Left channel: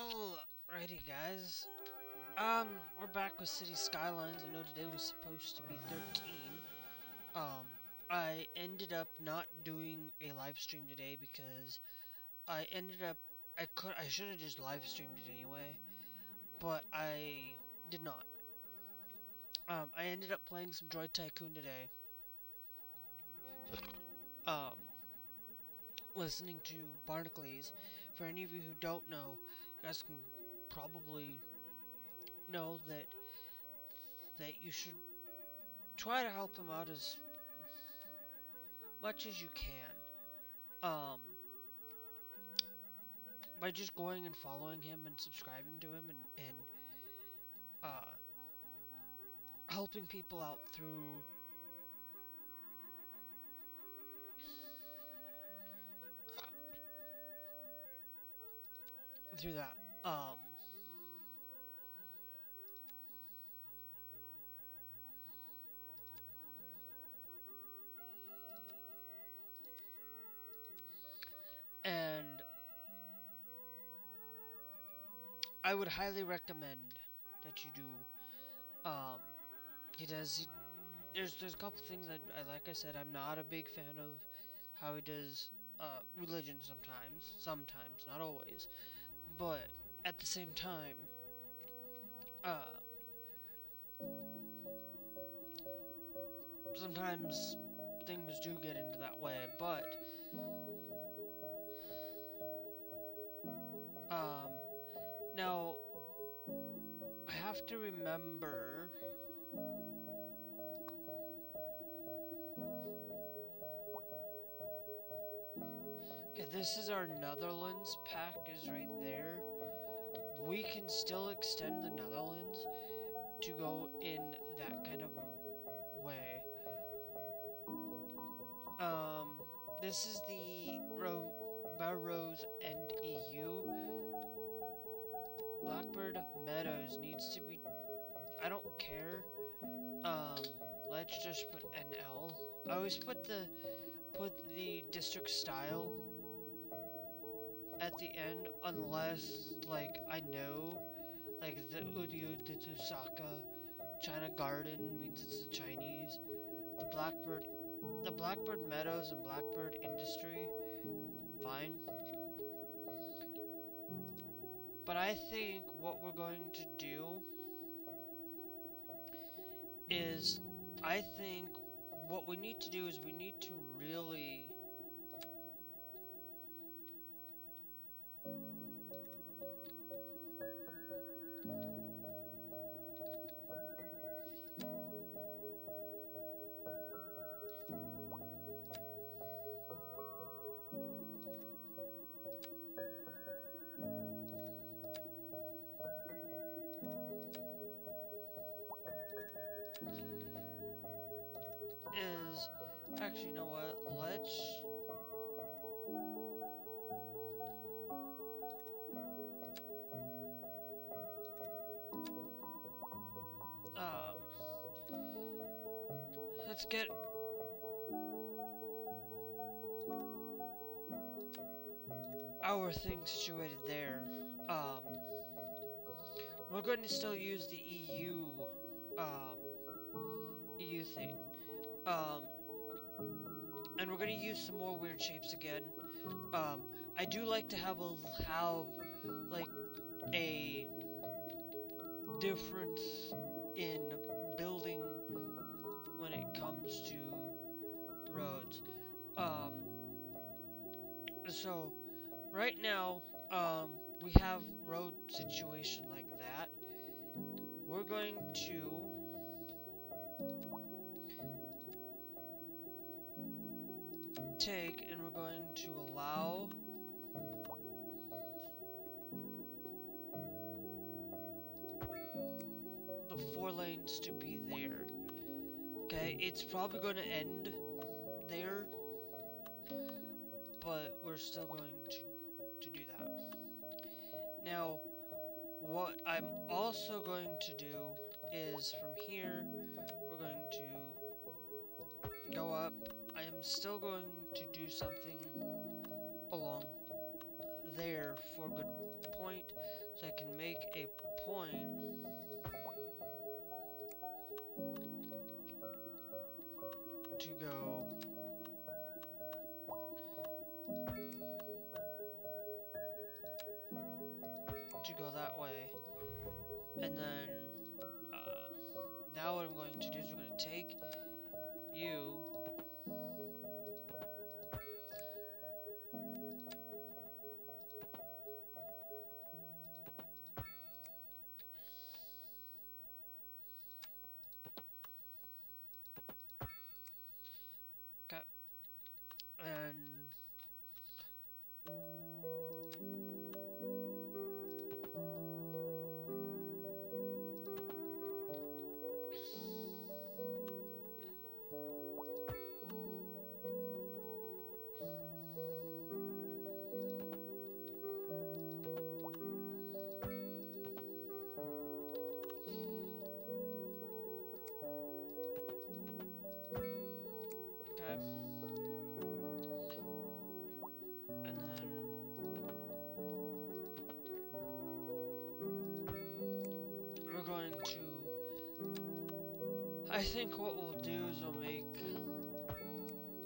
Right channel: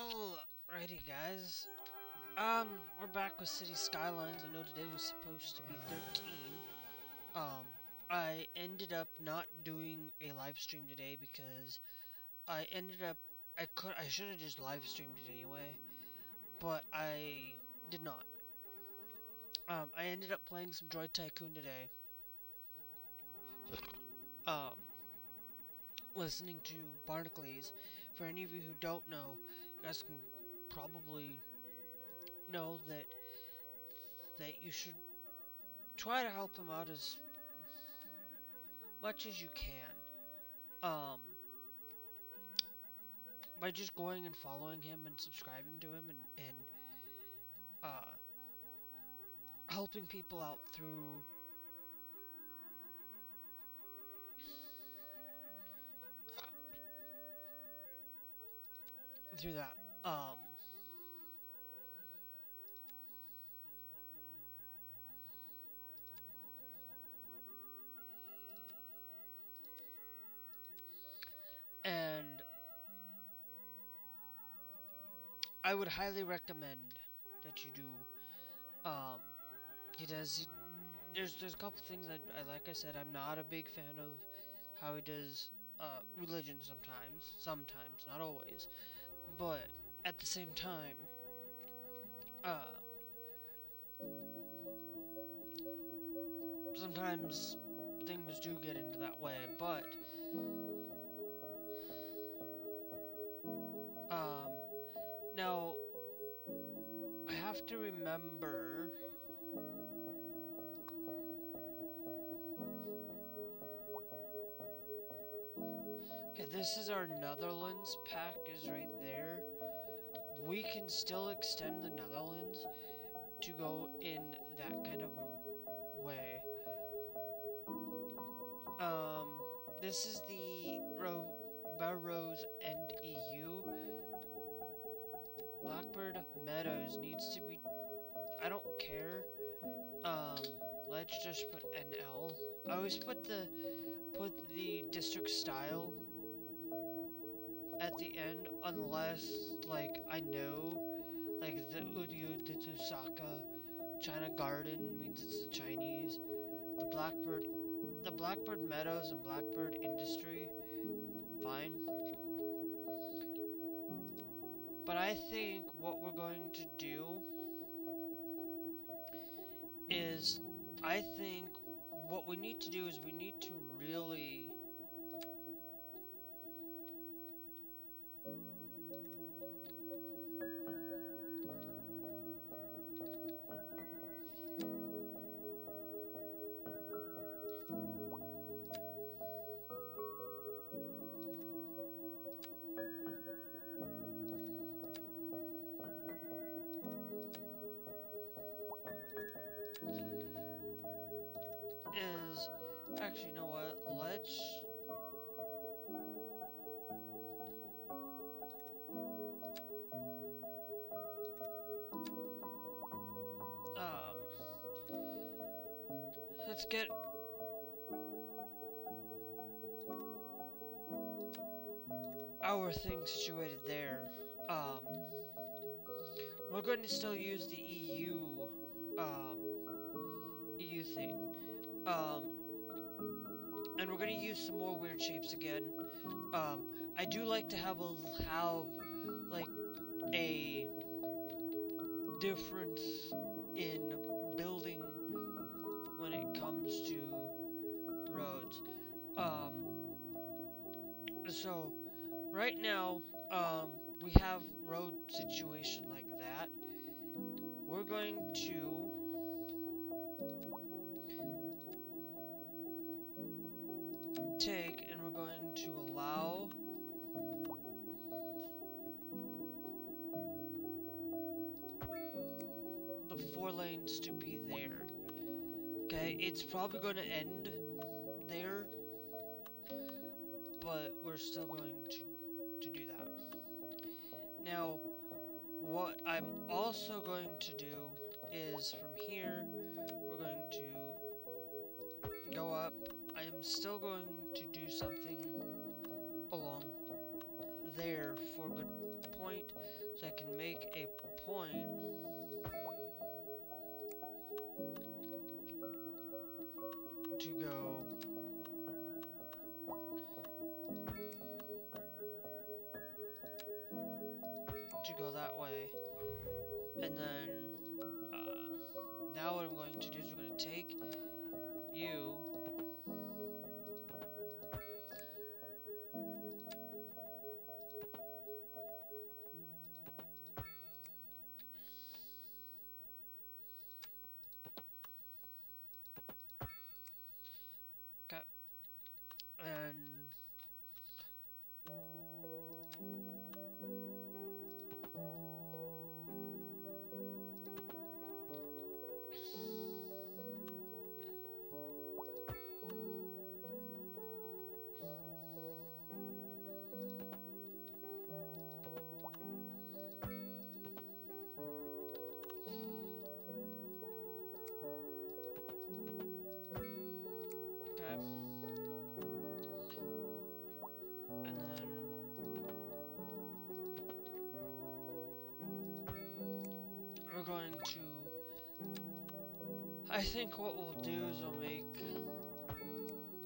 Alrighty, guys. We're back with City Skylines. I know today was supposed to be 13. I ended up not doing a live stream today because I should have just live streamed it anyway, but I did not. I ended up playing some Droid Tycoon today. Listening to Barnacles. For any of you who don't know, you guys can probably know that you should try to help him out as much as you can. By just going and following him and subscribing to him and helping people out through that. And I would highly recommend that you do. There's a couple things like I said, I'm not a big fan of how he does religion sometimes, not always, but at the same time, sometimes things do get into that way, but now I have to remember. Okay, this is our Netherlands pack is right there. We can still extend the Netherlands to go in that kind of a way. This is the Barrows and EU. Blackbird Meadows needs to be. I don't care. Let's just put NL. I always put the district style at the end, unless like I know, like the Udyu Tsusaka China Garden means it's the Chinese. The Blackbird Meadows and Blackbird Industry, fine. But I think what we're going to do is, I think what we need to do is we need to really actually, you know what? Let's get our thing situated there. We're going to still use the EU thing. And we're going to use some more weird shapes again. I do like to have like a difference in building when it comes to roads. So right now, we have road situation like that. We're going to take and we're going to allow the 4 lanes to be there. Okay, it's probably going to end there, but we're still going to do that. Now, what I'm also going to do is from here, we're going to go up. I am still going to do something along there for a good point, so I can make a point to go that way. And then now what I'm going to do is we're going to take you okay, and okay, and then we're going to, I think what we'll do is we'll make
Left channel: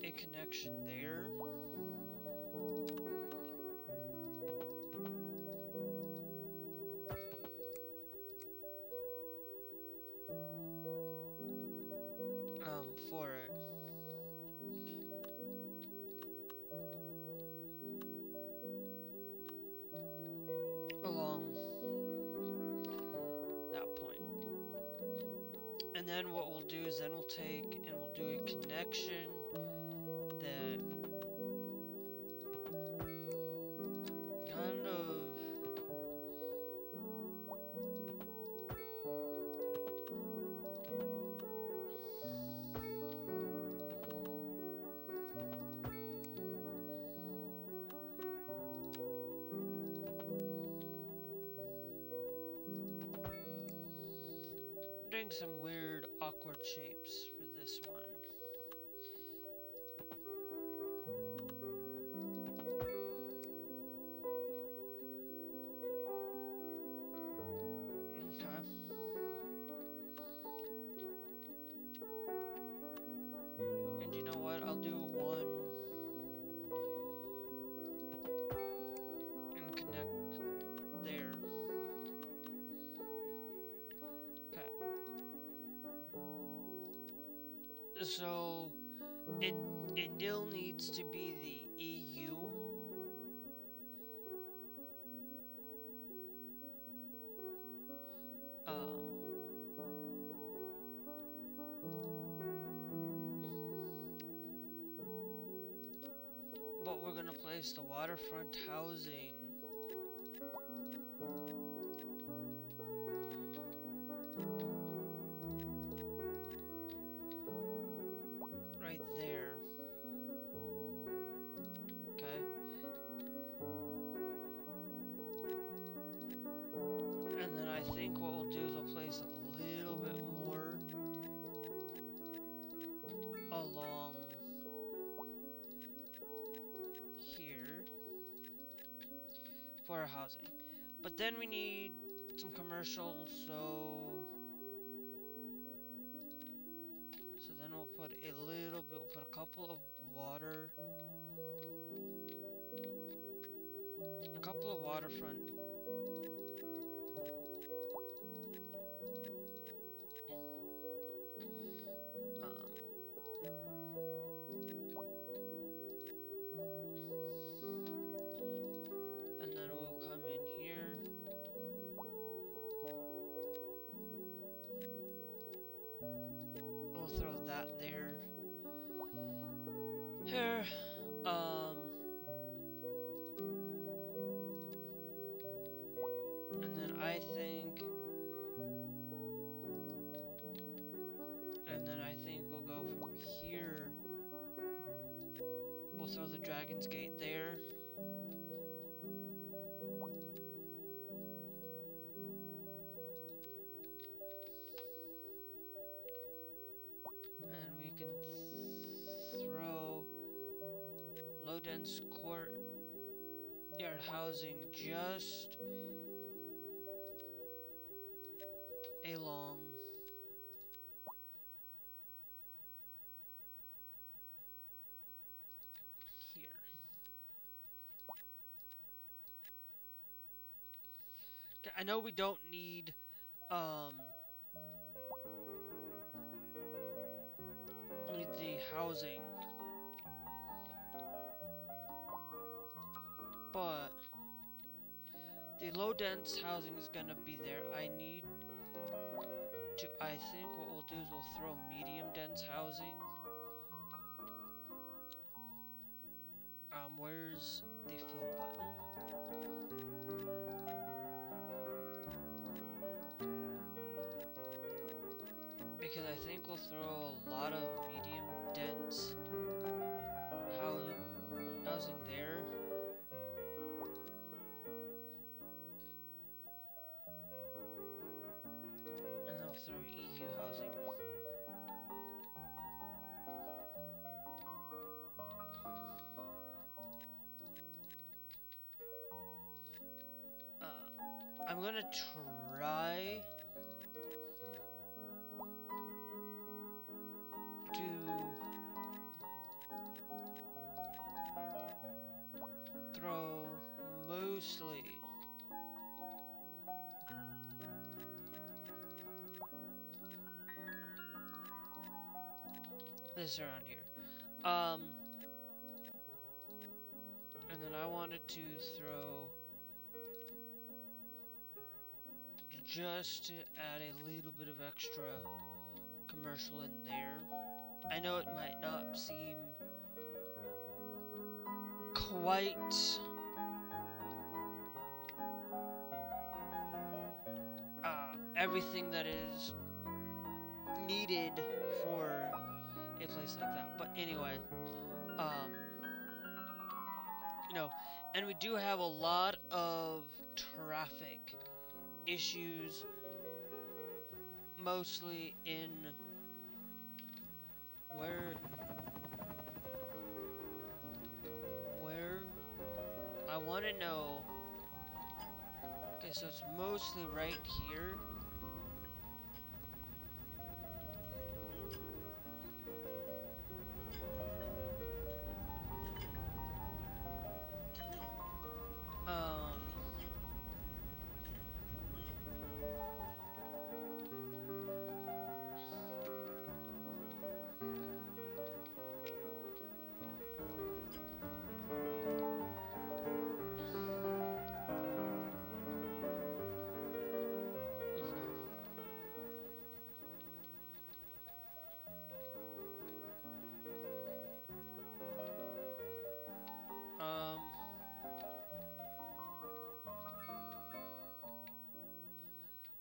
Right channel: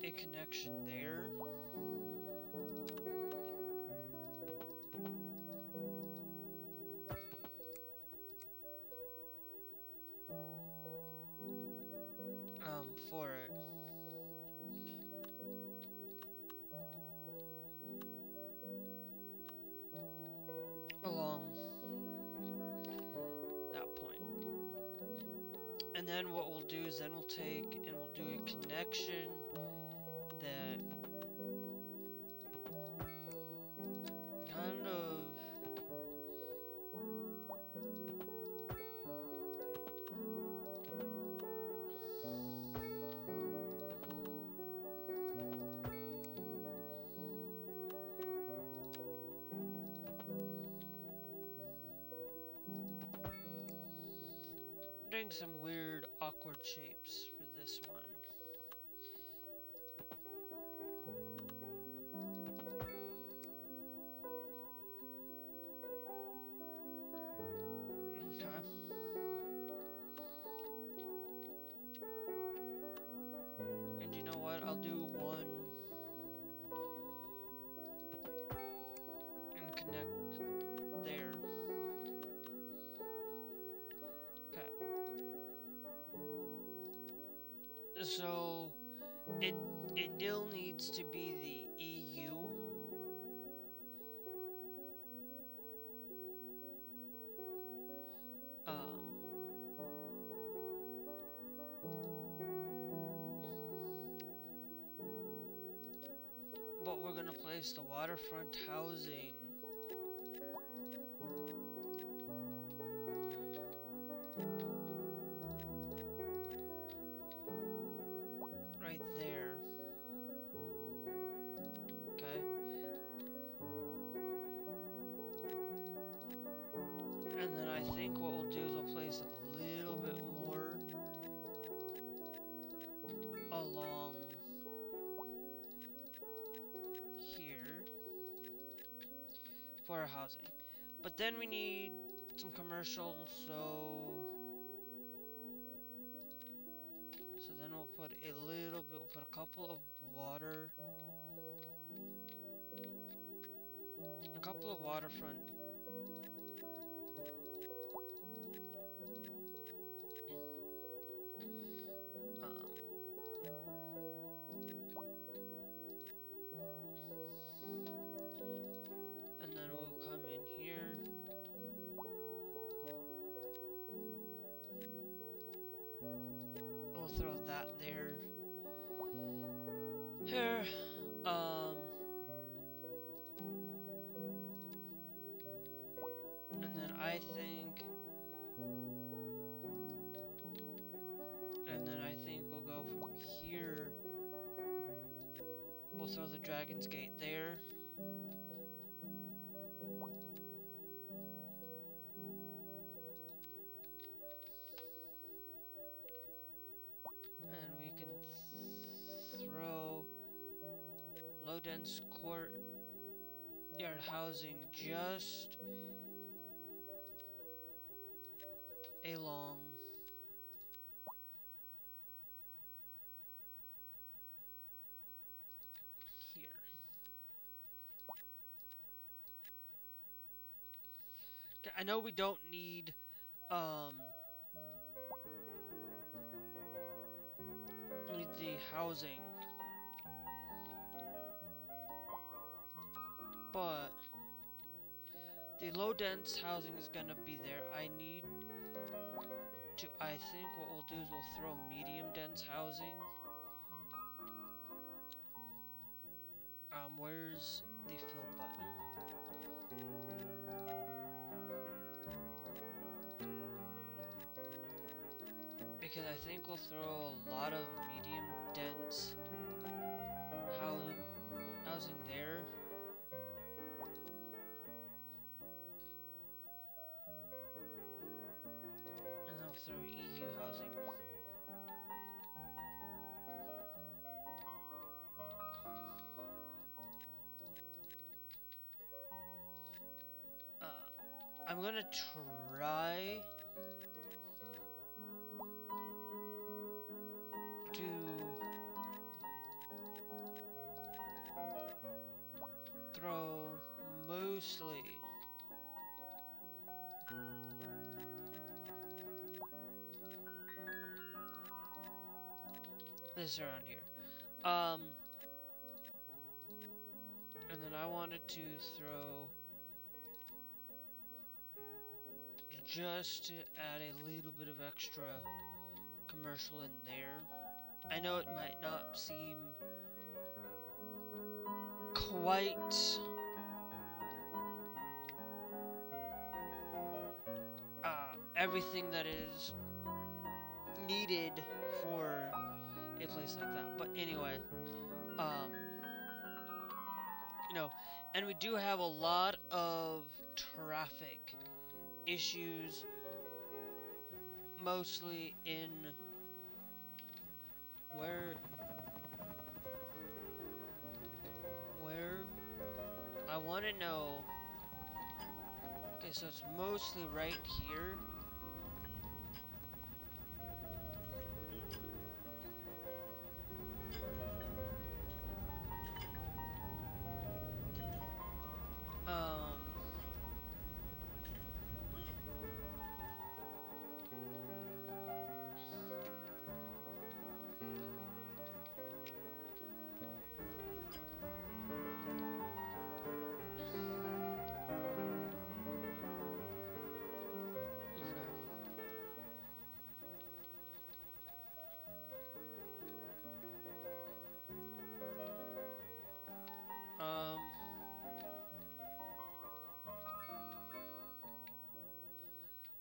a connection there. For it. Along that point. And then what we'll do is then we'll take and we'll do a connection that kind of doing some weird awkward shapes for this one. Okay. And you know what? I'll do one and connect there. Okay. So it still needs to be the EU. But we're gonna place the waterfront housing right there. Okay. And then I think what we'll do is we'll place a little bit more along here for our housing. But then we need some commercial, so then we'll put a little bit, we'll put a couple of waterfront and then we'll come in here. We'll throw that there. Here, and then I think we'll go from here. We'll throw the Dragon's Gate there. And we can throw low dense court. Yeah, start housing just along here. Okay, I know we don't need the housing, but the low dense housing is gonna be there. I think what we'll do is we'll throw medium dense housing. Where's the fill button? Because I think we'll throw a lot of medium dense housing there. And then we'll throw EU housing. I'm gonna try to throw mostly this around here. And then I wanted to throw just to add a little bit of extra commercial in there. I know it might not seem quite everything that is needed for a place like that, but anyway, you know, and we do have a lot of traffic issues, mostly in where I want to know. Okay, so it's mostly right here.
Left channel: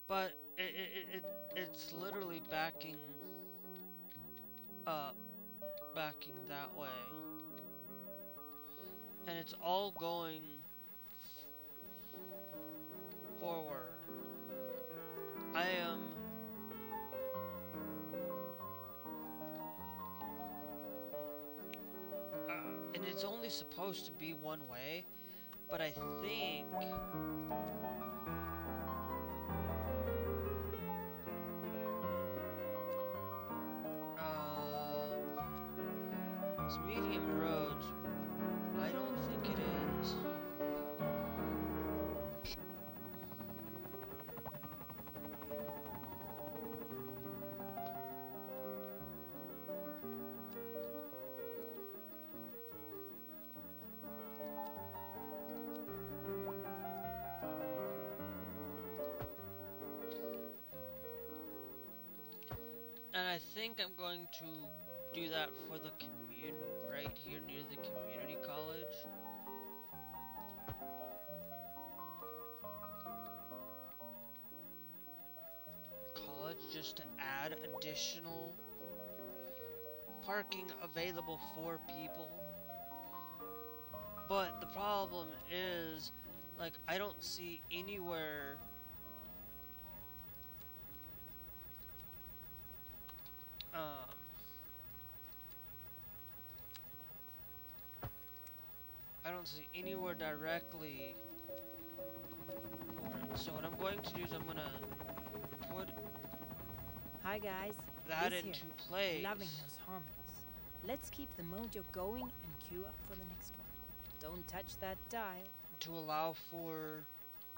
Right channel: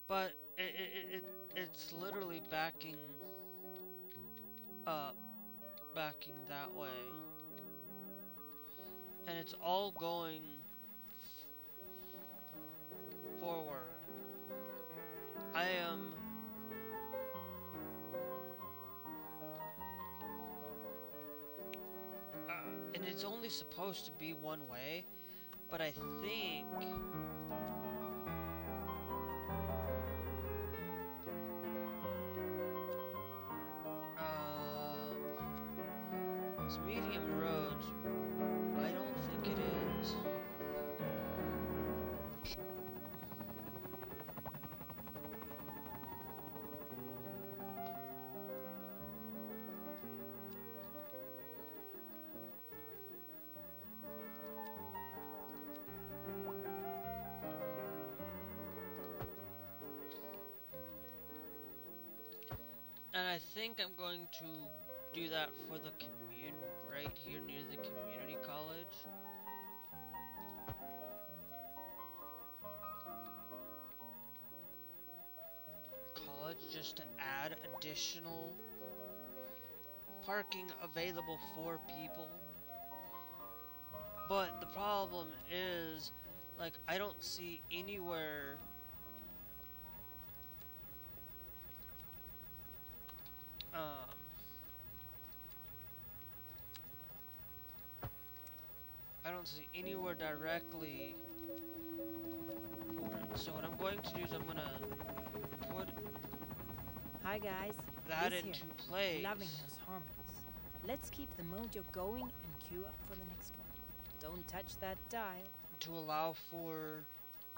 But it's literally backing up, backing that way, and it's all going forward. I am and it's only supposed to be one way, but I think it's medium roads. I don't think it is. And I think I'm going to do that for the right here near the community college. Just to add additional parking available for people. But the problem is, like, I don't see anywhere don't see anywhere directly for it. So what I'm going to do is I'm gonna put Hi guys, that Liz into here. place. Loving those harmonies. Let's keep the mojo going and queue up for the next one. Don't touch that dial. To allow for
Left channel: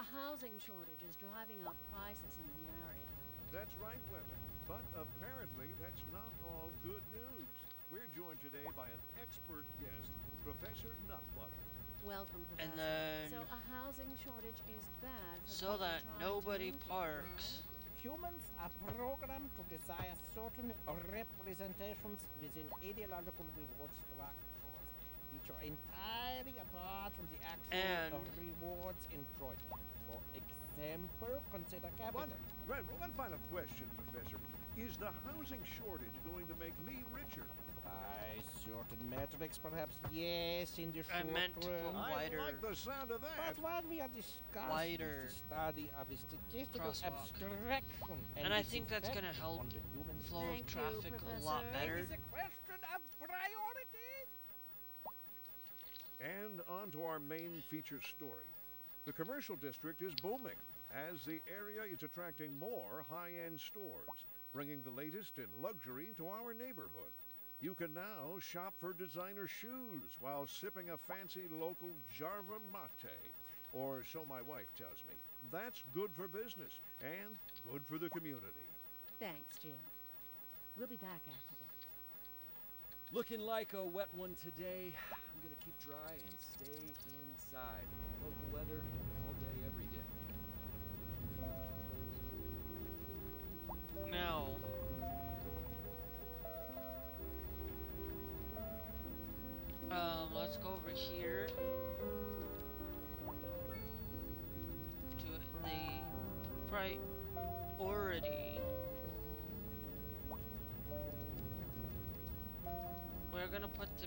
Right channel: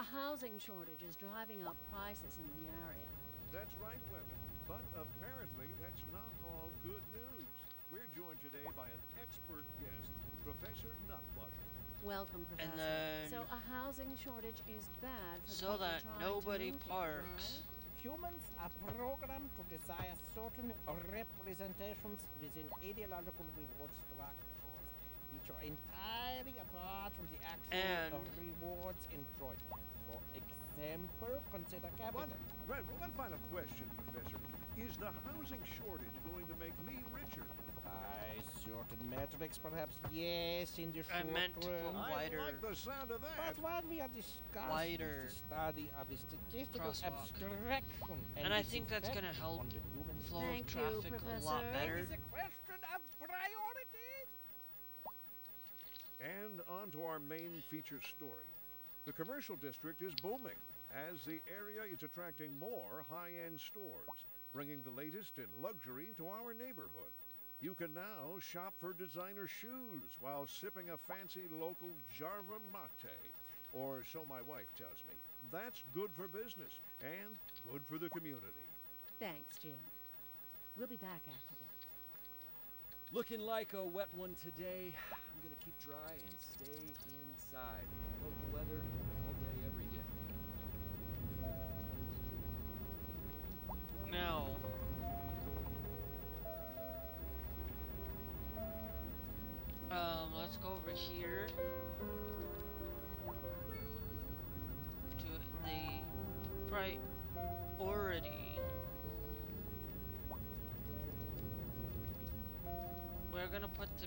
A housing shortage is driving up prices in the area. That's right, women. But apparently, that's not all good news. We're joined today by an expert guest, Professor Nutbutter. Welcome, Professor. and then So a housing shortage is bad for so people that trying nobody to move parks. Here, Humans are programmed to desire certain representations within ideological reward structures, which are entirely apart from the actual rewards enjoyed. For example, consider capital. One final question, Professor. Is the housing shortage going to make me richer? By certain metrics, perhaps yes, in the I short meant to term. put wider. I like the sound of that. But what we are discussing Wider is the study of a statistical crosswalk. abstraction And I its think that's effect gonna help on the human flow of Thank you, traffic a lot Professor. better. It is a question of priorities. And on to our main feature story. The commercial district is booming as the area is attracting more high-end stores, bringing the latest in luxury to our neighborhood. You can now shop for designer shoes while sipping a fancy local Jarva mate, or so my wife tells me. That's good for business and good for the community. Thanks, Jim. We'll be back after this. Looking like a wet one today. I'm gonna keep dry and stay inside. Local weather, all day, every day. Now, let's go over here to the priority. We're gonna put the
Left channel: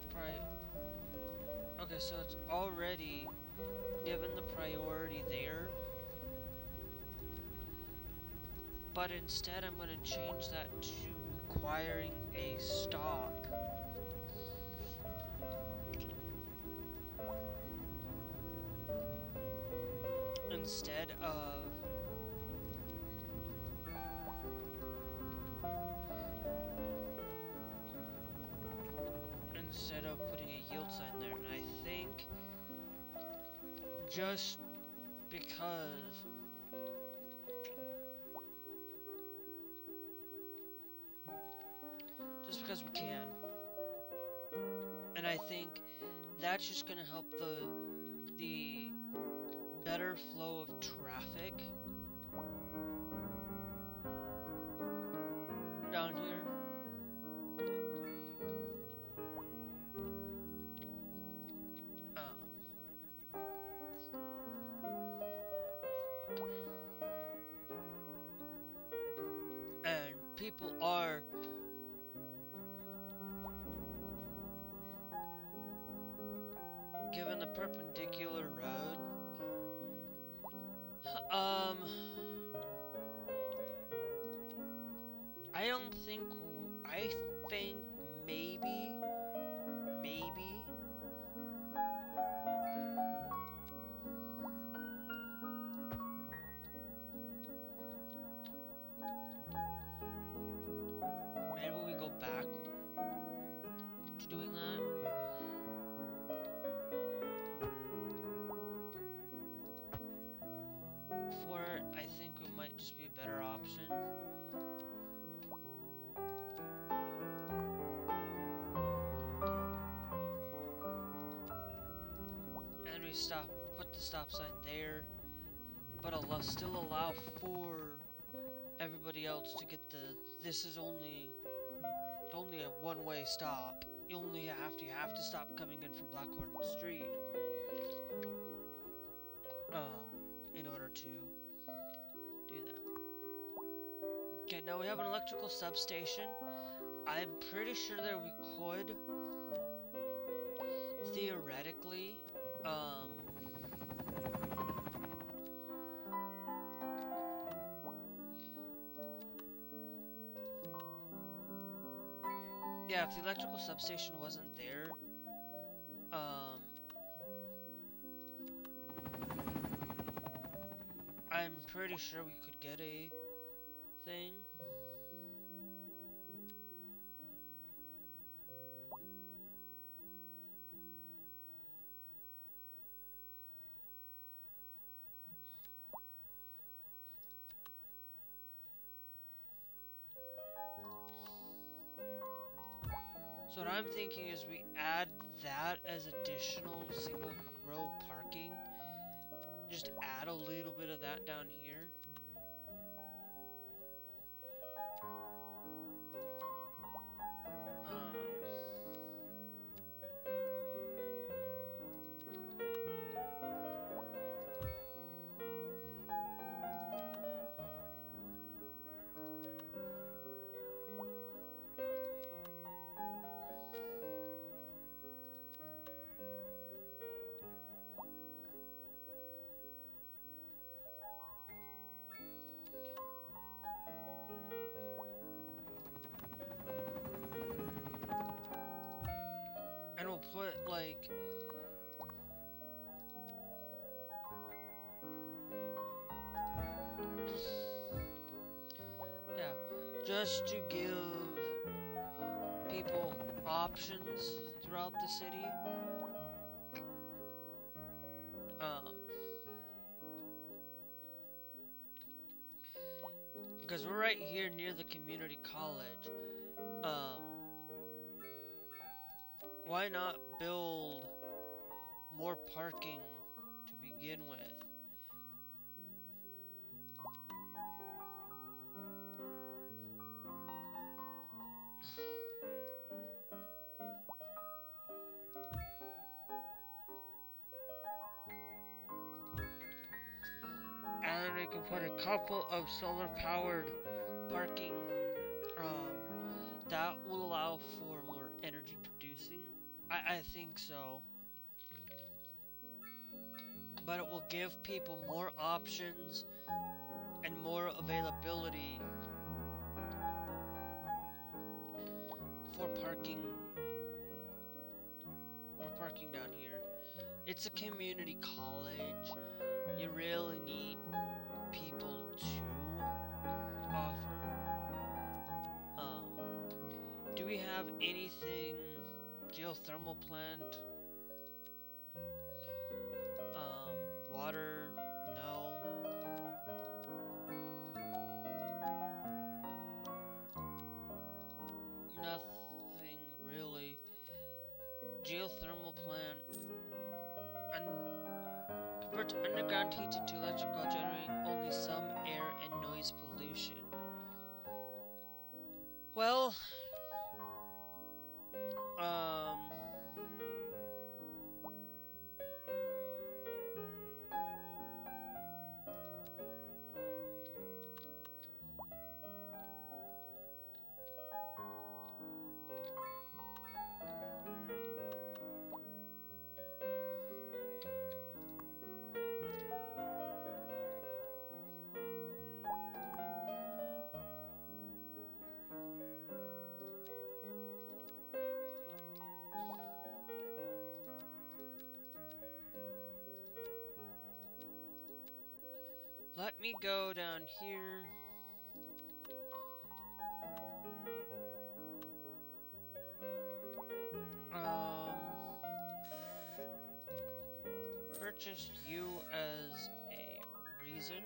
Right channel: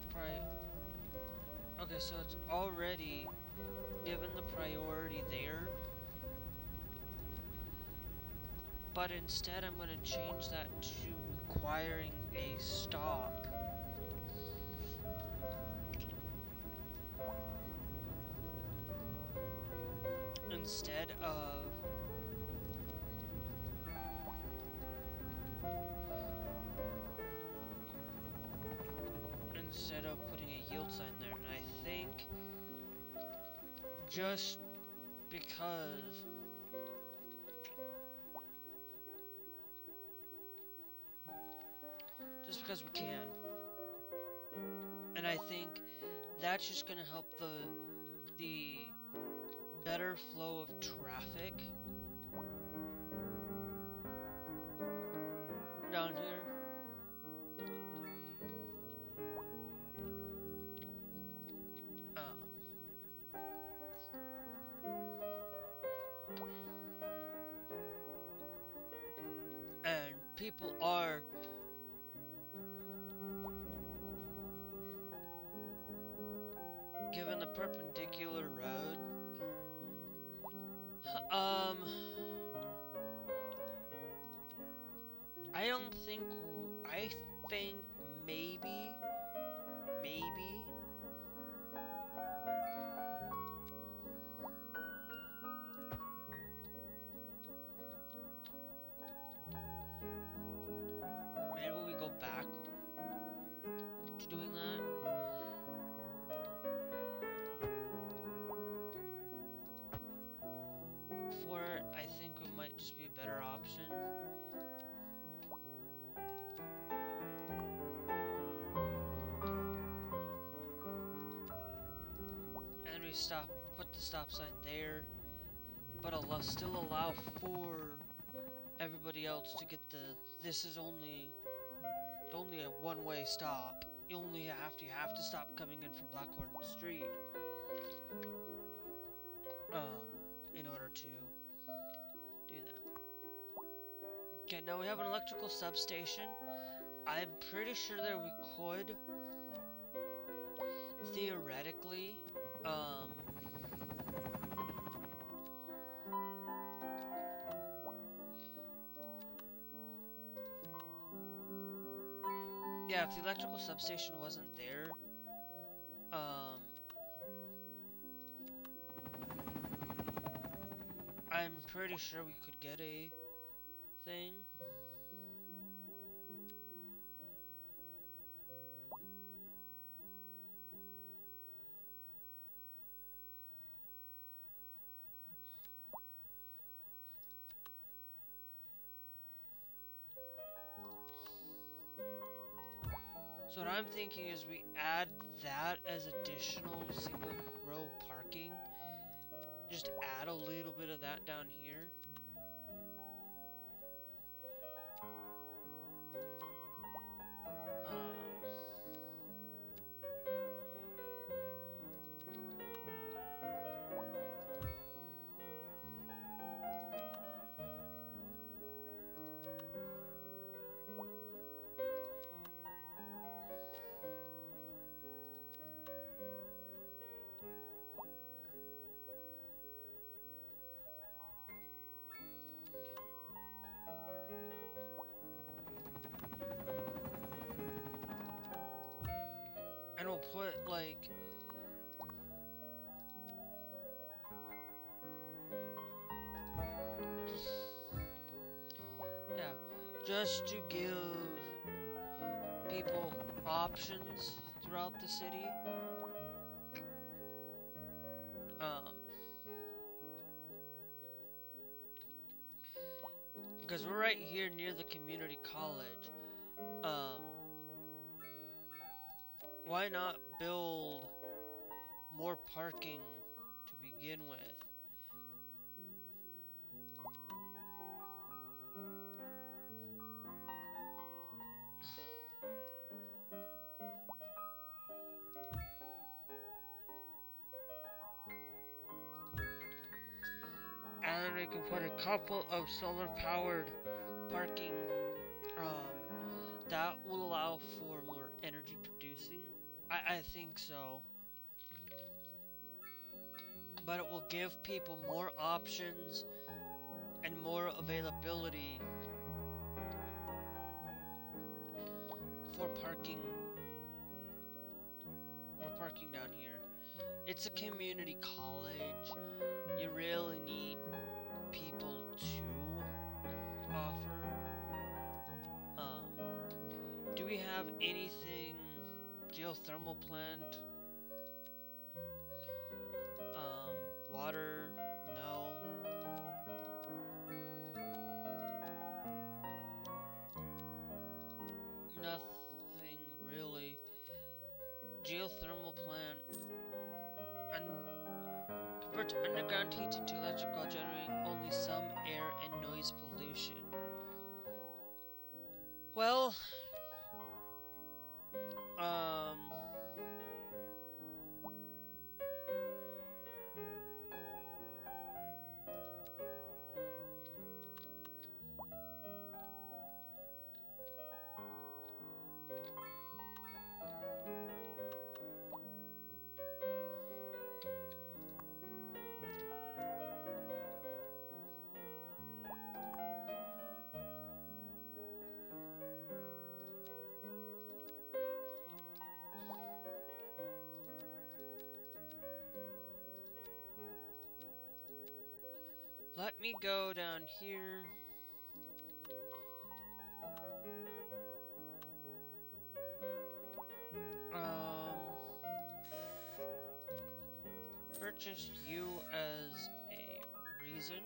okay, so it's already given the priority there. But instead I'm gonna change that to requiring a stop. Instead of putting a yield sign there. And I think just because we can. And I think that's just gonna help the better flow of traffic down here. And people are given the perpendicular road. I think maybe we go back to doing that. For it, I think it might just be a better option. And we put the stop sign there, but still allow for everybody else to get this is only a one-way stop. You have to stop coming in from Blackhorn Street in order to do that. Okay, now we have an electrical substation. I'm pretty sure that we could theoretically yeah, if the electrical substation wasn't there, I'm pretty sure we could get a thing. So what I'm thinking is we add that as additional single row parking. Just add a little bit of that down here. And we'll put like yeah, just to give people options throughout the city. Because we're right here near the community college. Why not build more parking to begin with? And we can put a couple of solar powered parking that will allow for more energy producing. I think so. But it will give people more options and more availability for parking down here. It's a community college. You really need people to offer. Do we have anything geothermal plant? Water? No. Nothing really. Geothermal plant. Convert underground heat into electrical, generating only some air and noise pollution. Well, let me go down here. Purchase you as a reason.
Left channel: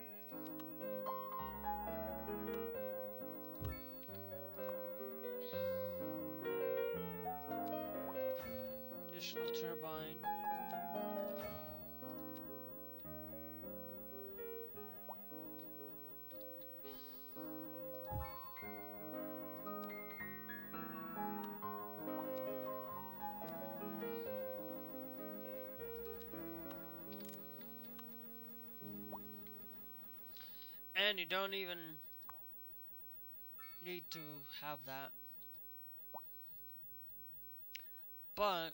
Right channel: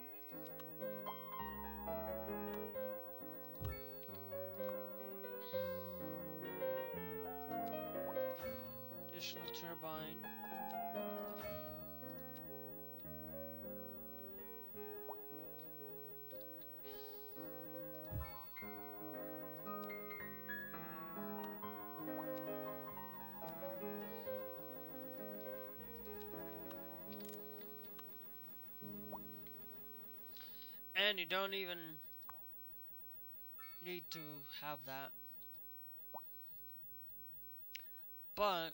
Additional turbine. And you don't even need to have that. But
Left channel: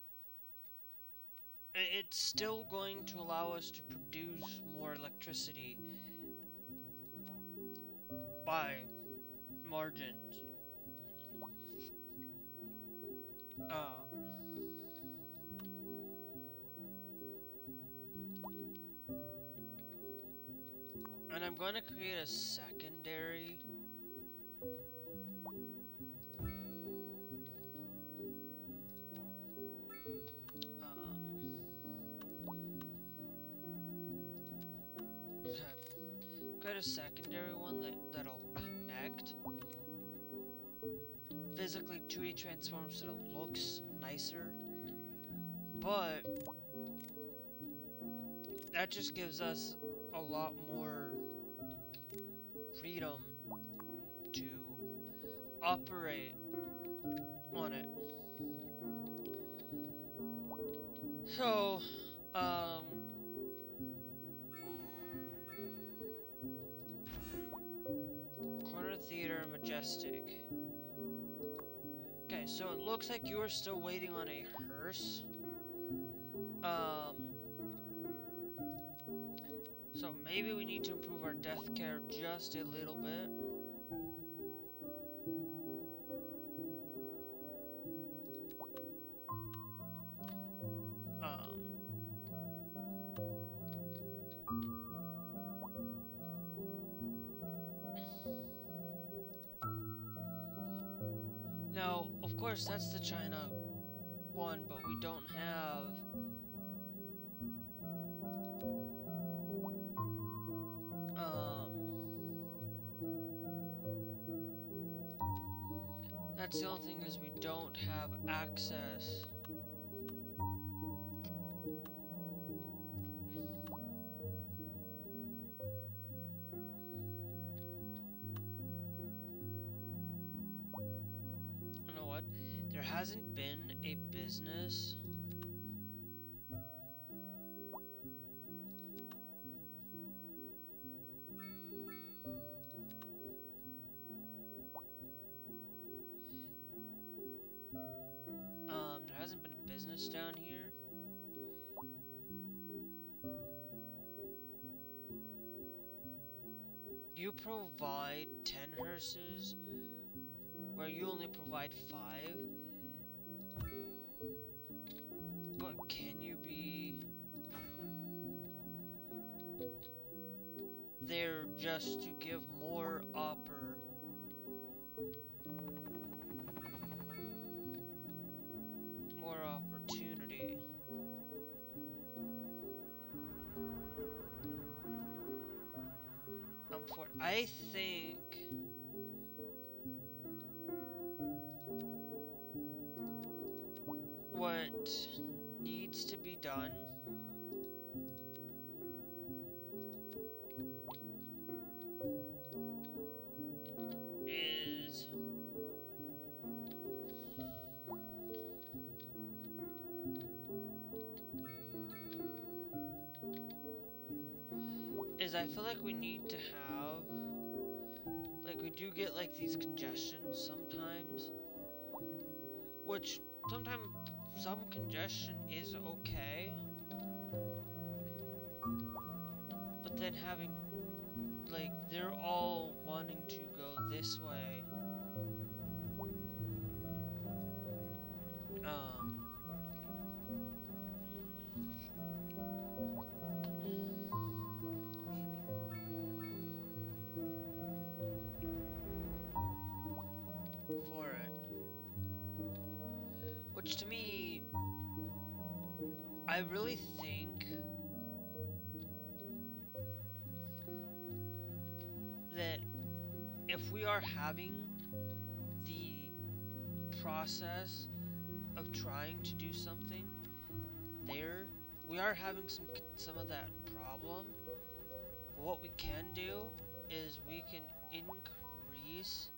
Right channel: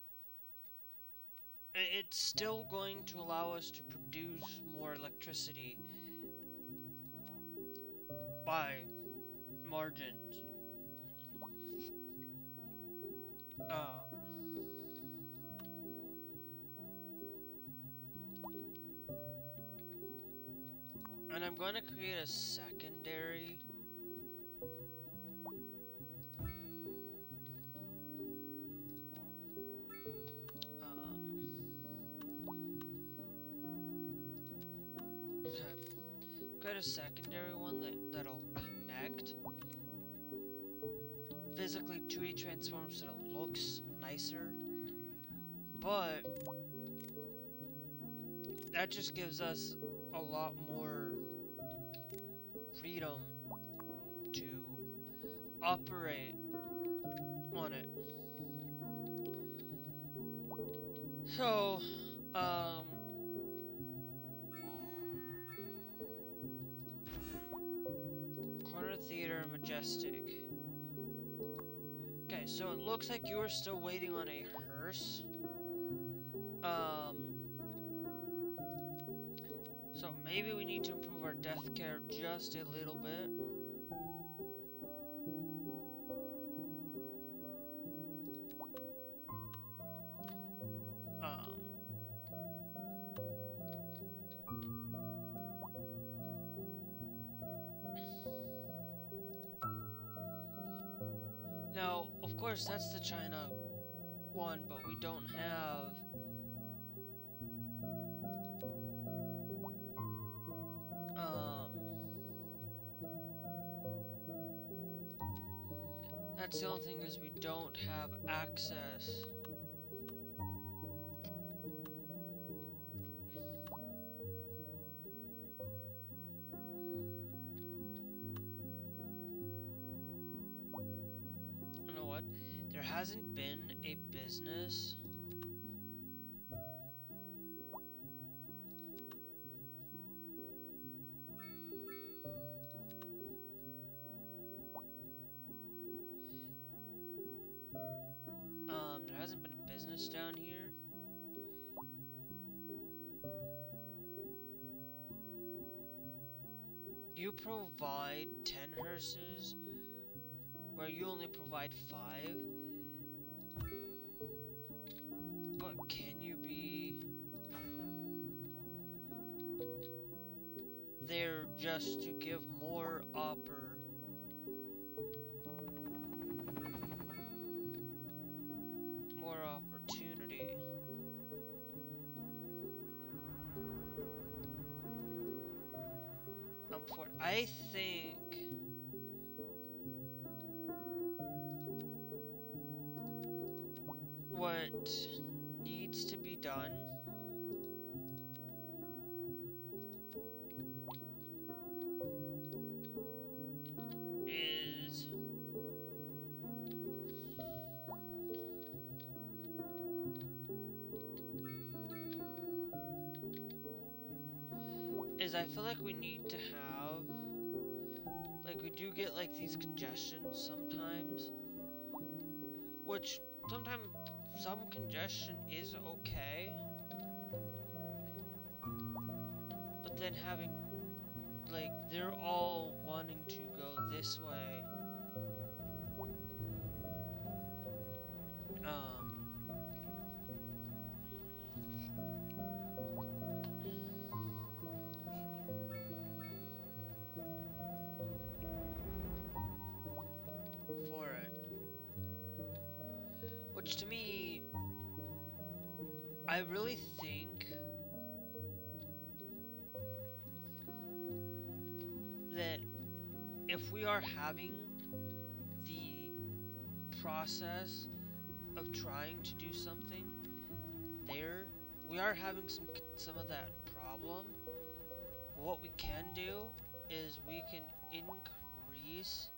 it's still going to allow us to produce more electricity by margins. And I'm going to create a secondary. Okay. Got a secondary one that'll connect physically to a transformer so it looks nicer. But that just gives us a lot more freedom to operate on it. So, corner theater, majestic. Okay, so it looks like you are still waiting on a hearse. So maybe we need to improve our death care just a little bit. Now, of course, that's the China one, but we don't have that's the only thing is we don't have access. You know what? There hasn't been a business there hasn't been a business down here. You provide 10 hearses, where you only provide 5. But can you be there just to give more opportunity? I think what needs to be done is I feel like we need to have, like, we do get like these congestions sometimes, which sometimes some congestion is okay, but then having, like, they're all wanting to go this way. For it. Which to me, I really think that if we are having the process of trying to do something there, we are having some of that problem. What we can do is we can increase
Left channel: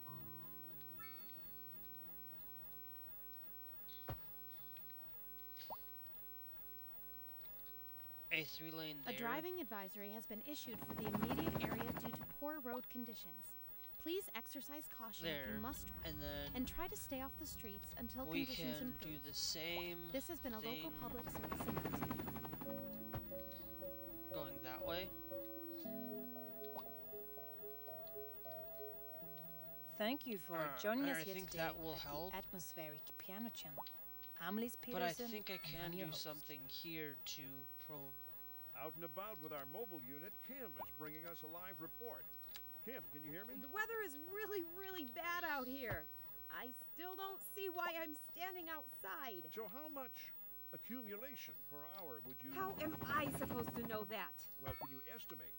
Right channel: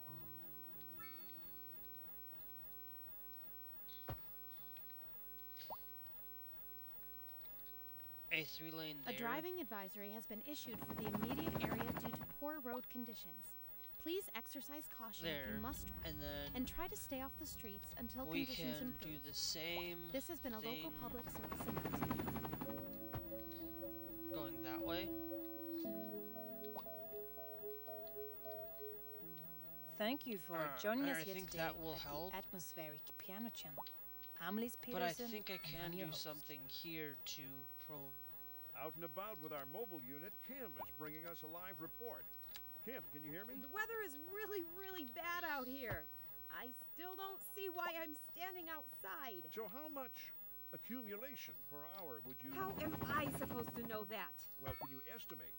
a 3-lane there. A driving advisory has been issued for the immediate area due to poor road conditions. Please exercise caution if you must drive, and try to stay off the streets until conditions improve. We can do the same. This has been a local public service announcement. Going that way. Thank you for joining us here think today that will at help. the Atmospheric Piano Channel. I'm Liz But I Peterson, think I and can I'm your do host. something here to Out and about with our mobile unit, Kim is bringing us a live report. Kim, can you hear me? The weather is really, really bad out here. I still don't see why I'm standing outside. So how much accumulation per hour would you... How am I supposed to know that? Well, can you estimate?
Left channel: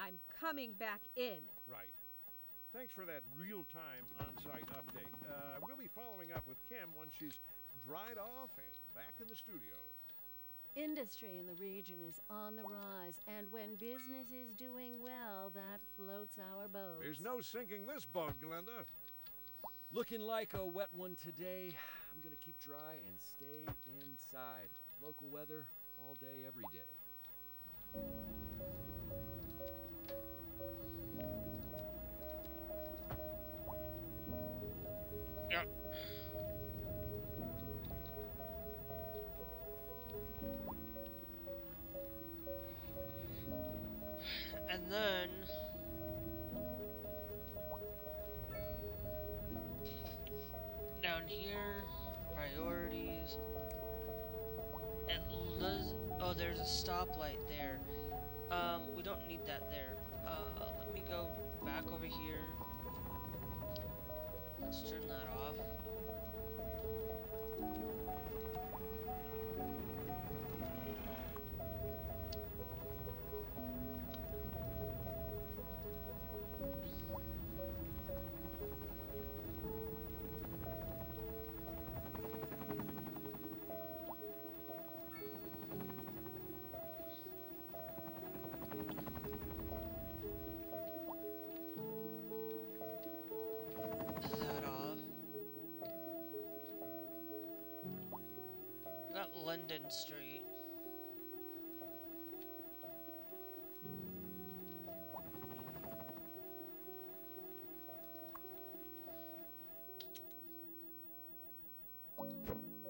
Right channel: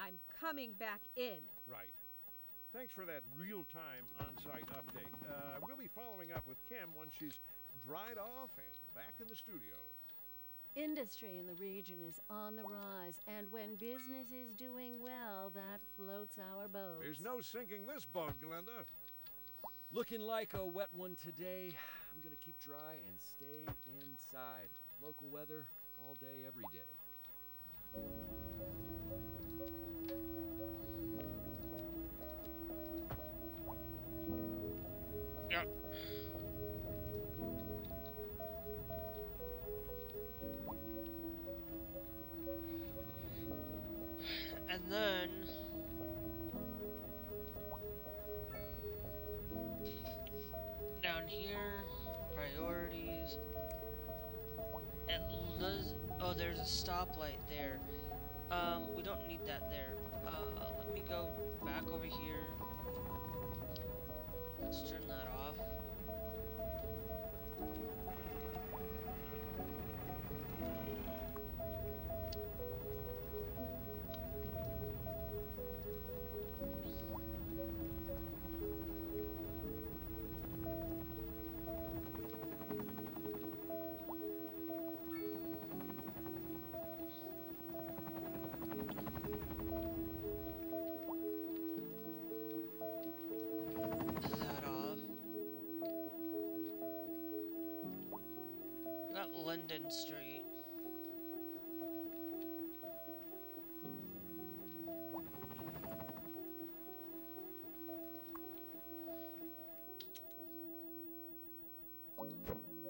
I'm coming back in. Right. Thanks for that real-time on-site update. We'll be following up with Kim once she's dried off and back in the studio. Industry in the region is on the rise, and when business is doing well, that floats our boat. There's no sinking this boat, Glenda. Looking like a wet one today. I'm gonna keep dry and stay inside. Local weather, all day, every day. Yep. And then down here, priorities. Oh, there's a stoplight there. We don't need that there. Let me go back over here. Let's turn that off. London Street.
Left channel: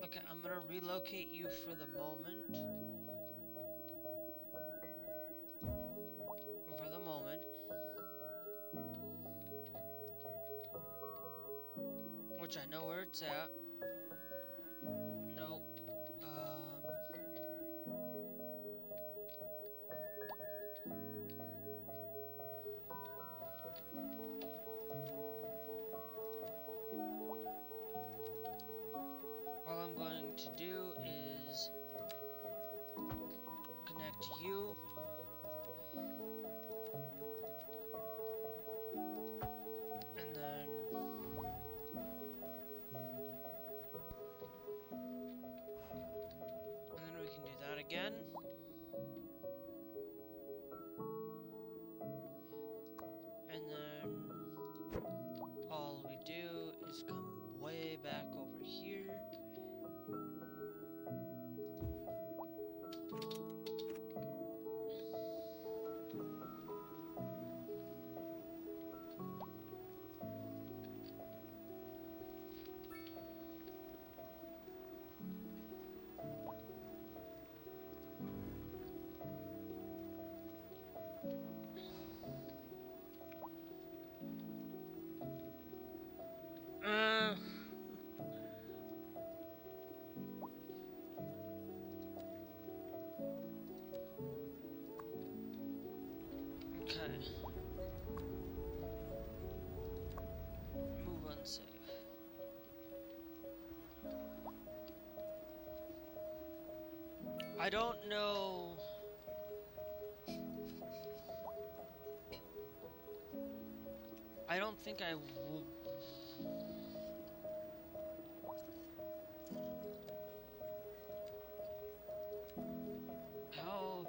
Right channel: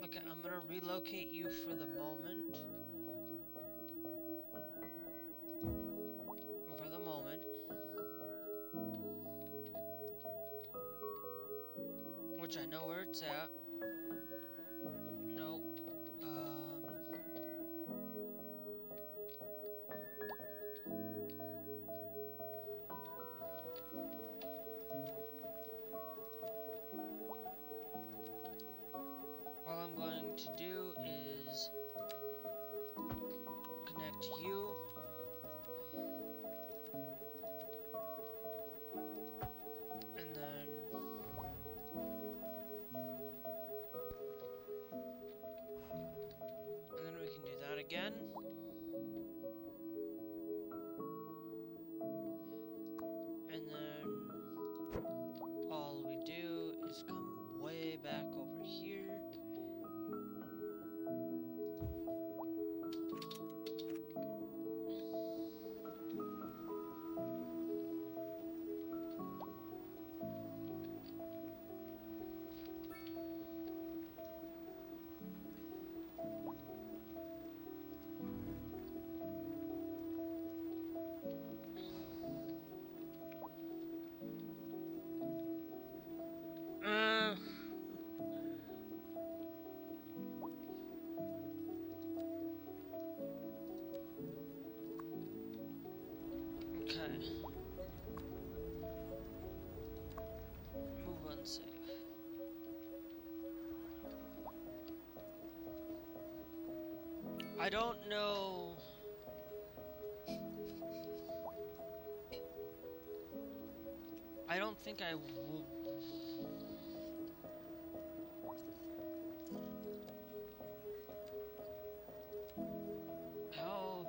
Okay, I'm gonna relocate you for the moment. For the moment. Which I know where it's at. Nope. All I'm going to do is connect you. And then we can do that again. And then all we do is come way back over here. Okay. Move unsafe. I don't know. I don't think I will. How?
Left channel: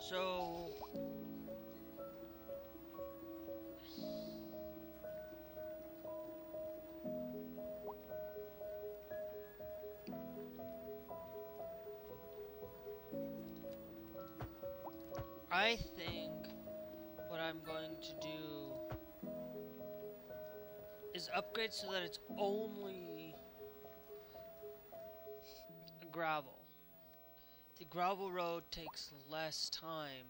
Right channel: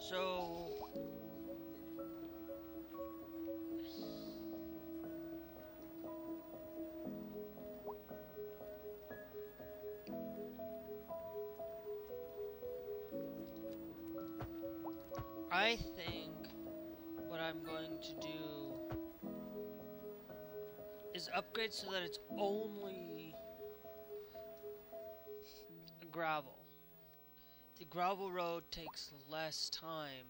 So. I think what I'm going to do is upgrade so that it's only gravel. The gravel road takes less time.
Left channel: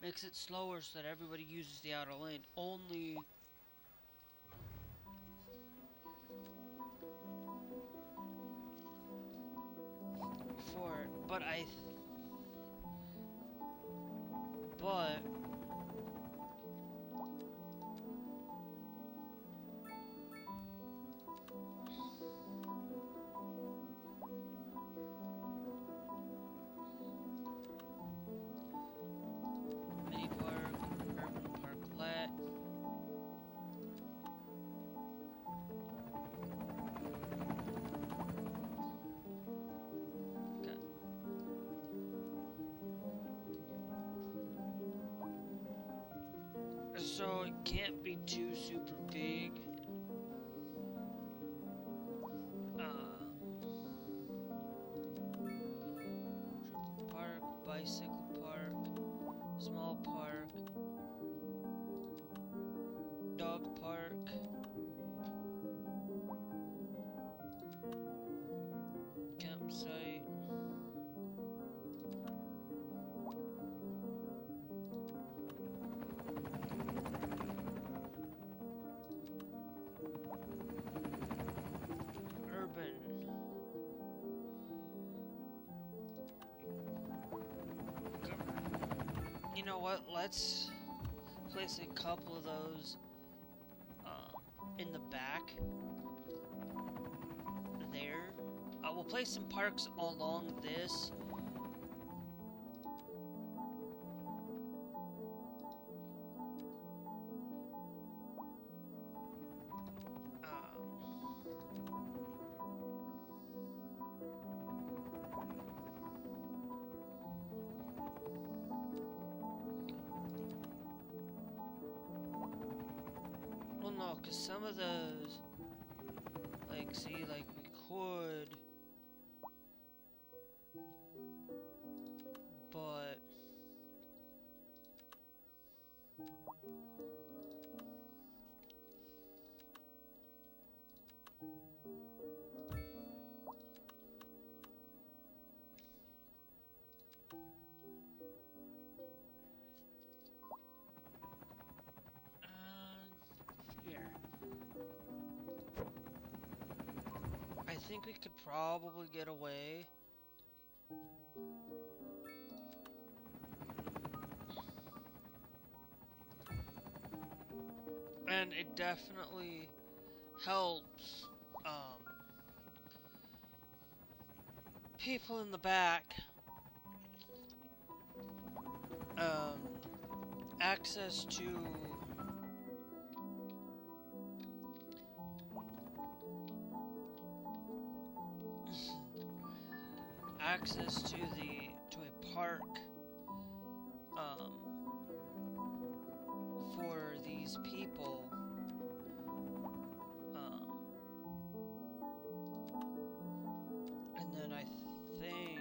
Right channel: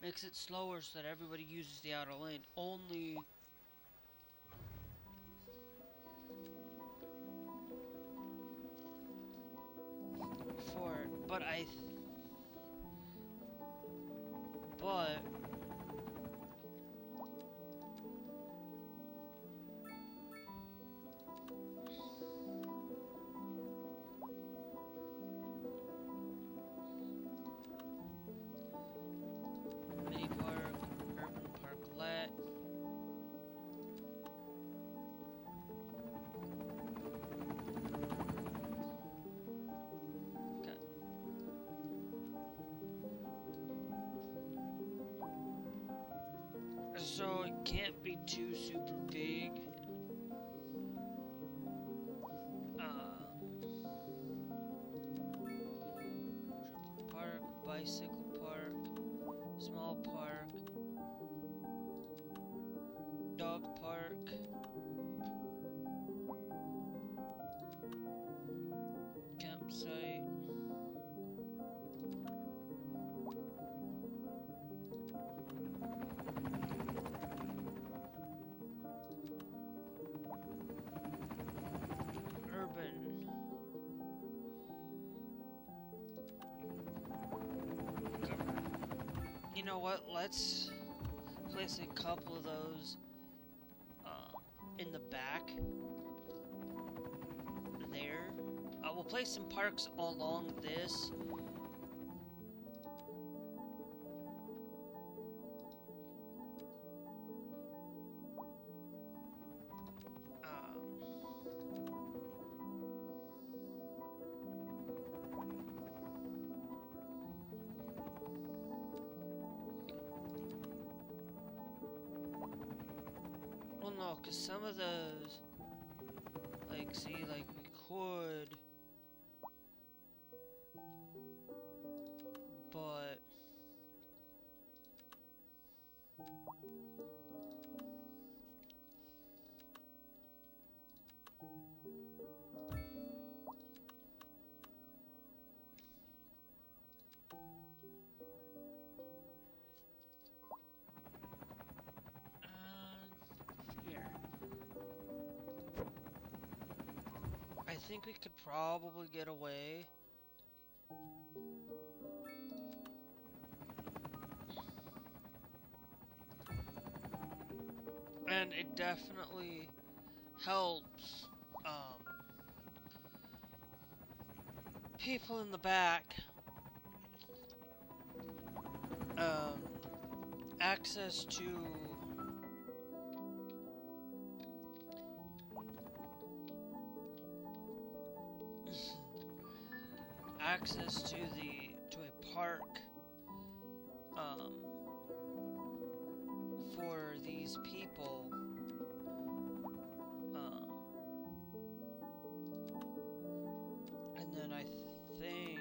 Makes it slower so that everybody uses the outer lane. Only for, but I So it can't be too super big. Park, bicycle park, small park, dog park, campsite. Urban. You know what? Let's place a couple of those in the back. There. We'll place some parks along this. Well, no, because some of those, like, see, like, we could, but, here. I think we could probably get away. And it definitely helps people in the back access to access to a park for these people and then I think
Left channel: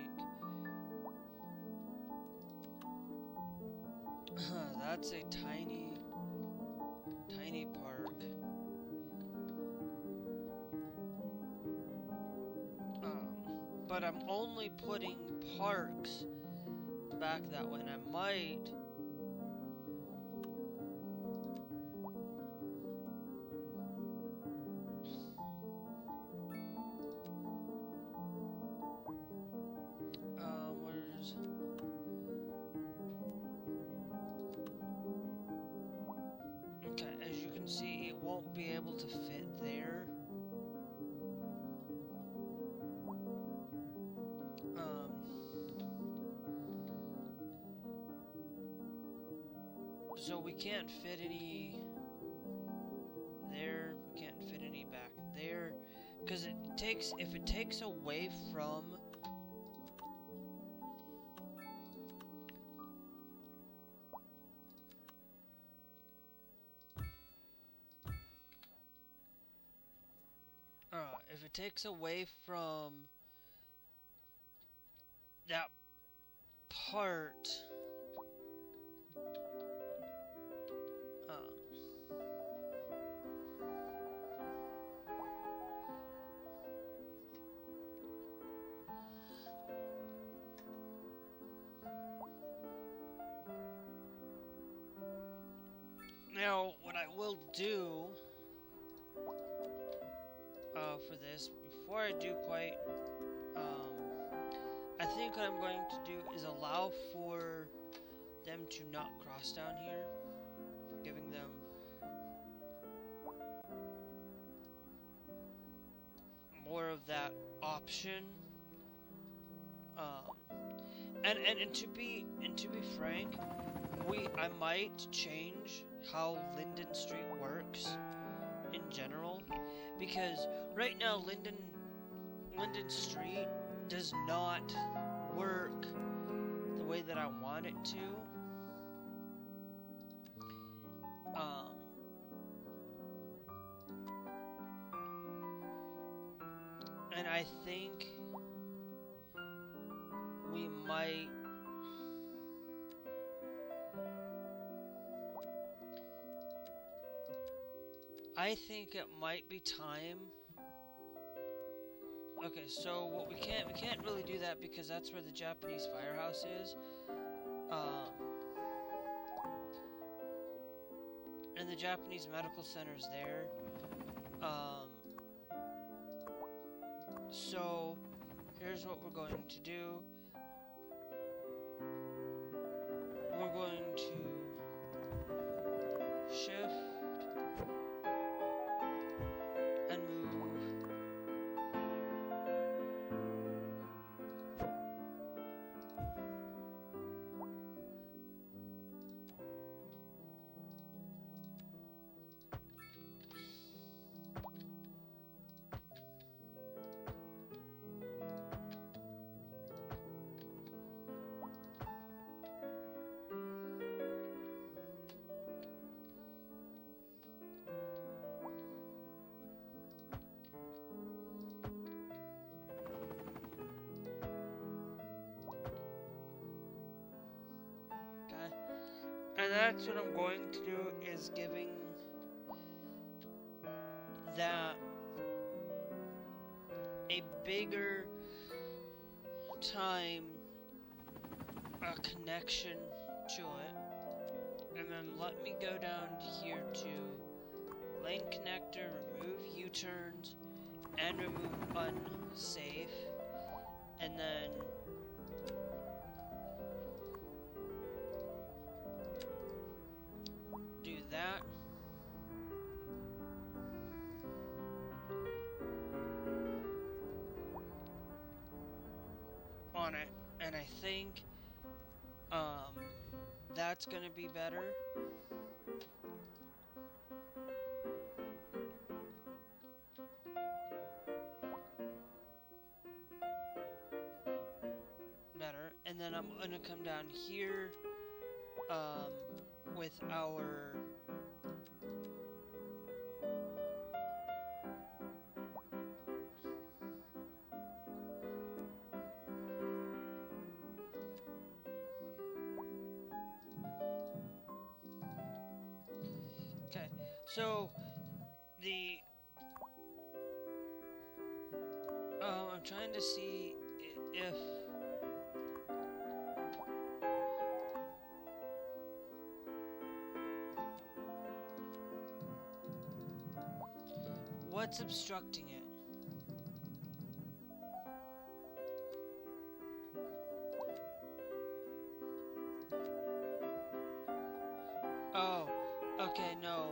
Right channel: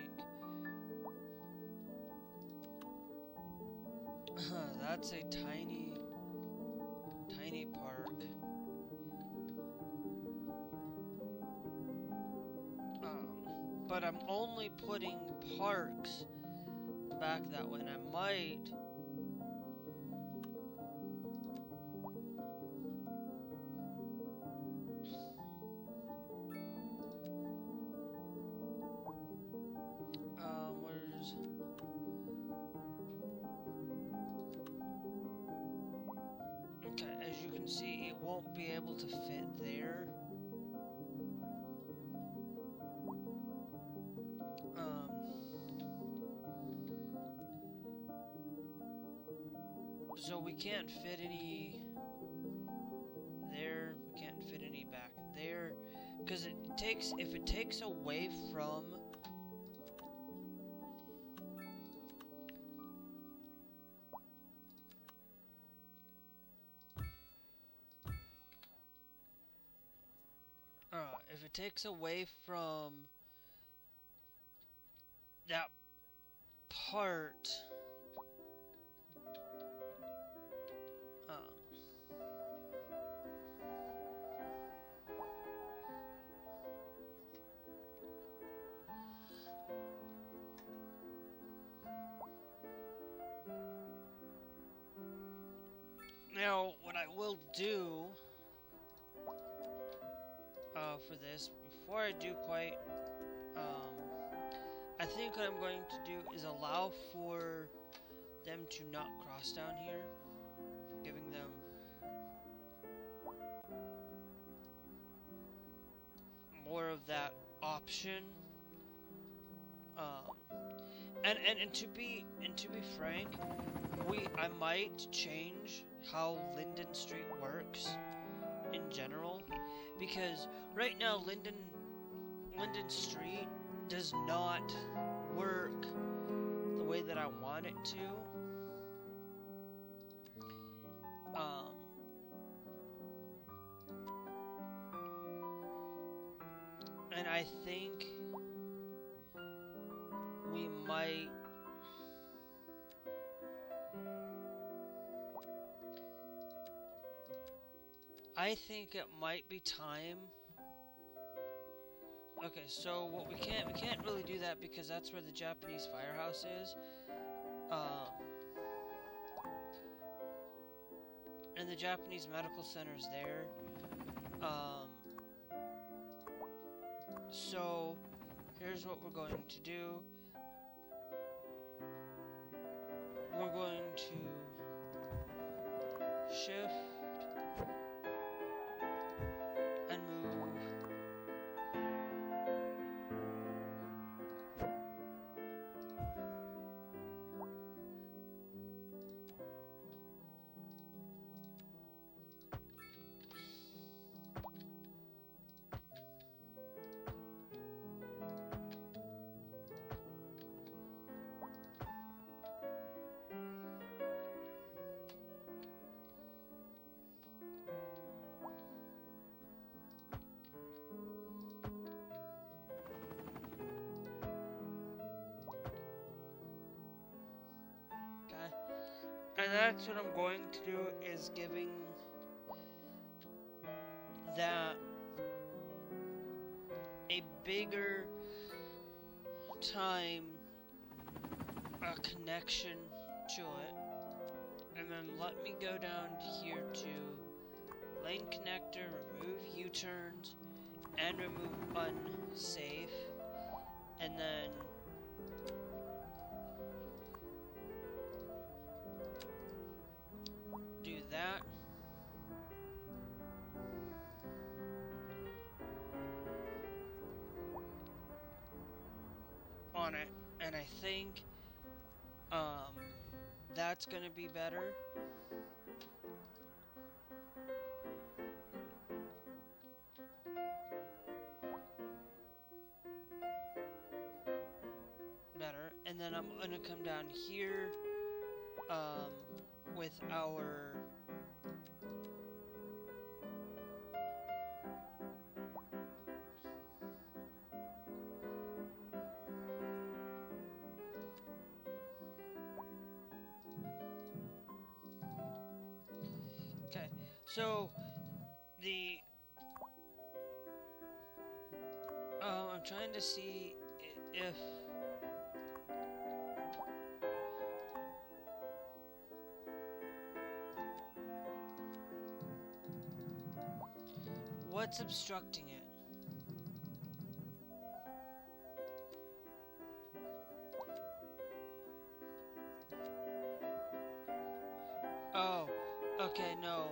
that's a tiny park. But I'm only putting parks back that way, and I might where's okay, as you can see, it won't be able to fit there. So we can't fit any there, we can't fit any back there, because if it takes away from if it takes away from that part, now what I will do for this, before I do quite, I think what I'm going to do is allow for them to not cross down here, giving them more of that option. And to be frank, I might change how Linden Street works in general, because right now Linden Street does not work the way that I want it to. And I think we might it might be time. Okay, so what we can't really do that because that's where the Japanese firehouse is. And the Japanese medical center's there. So here's what we're going to do. We're going to shift and move. And that's what I'm going to do, is giving that a bigger time connection to it. And then let me go down here to lane connector, remove U-turns, and remove unsafe. And then do that. On it. And I think that's gonna be better. And then I'm gonna come down here with our okay, so the I'm trying to see if what's obstructing it? Oh, okay, no.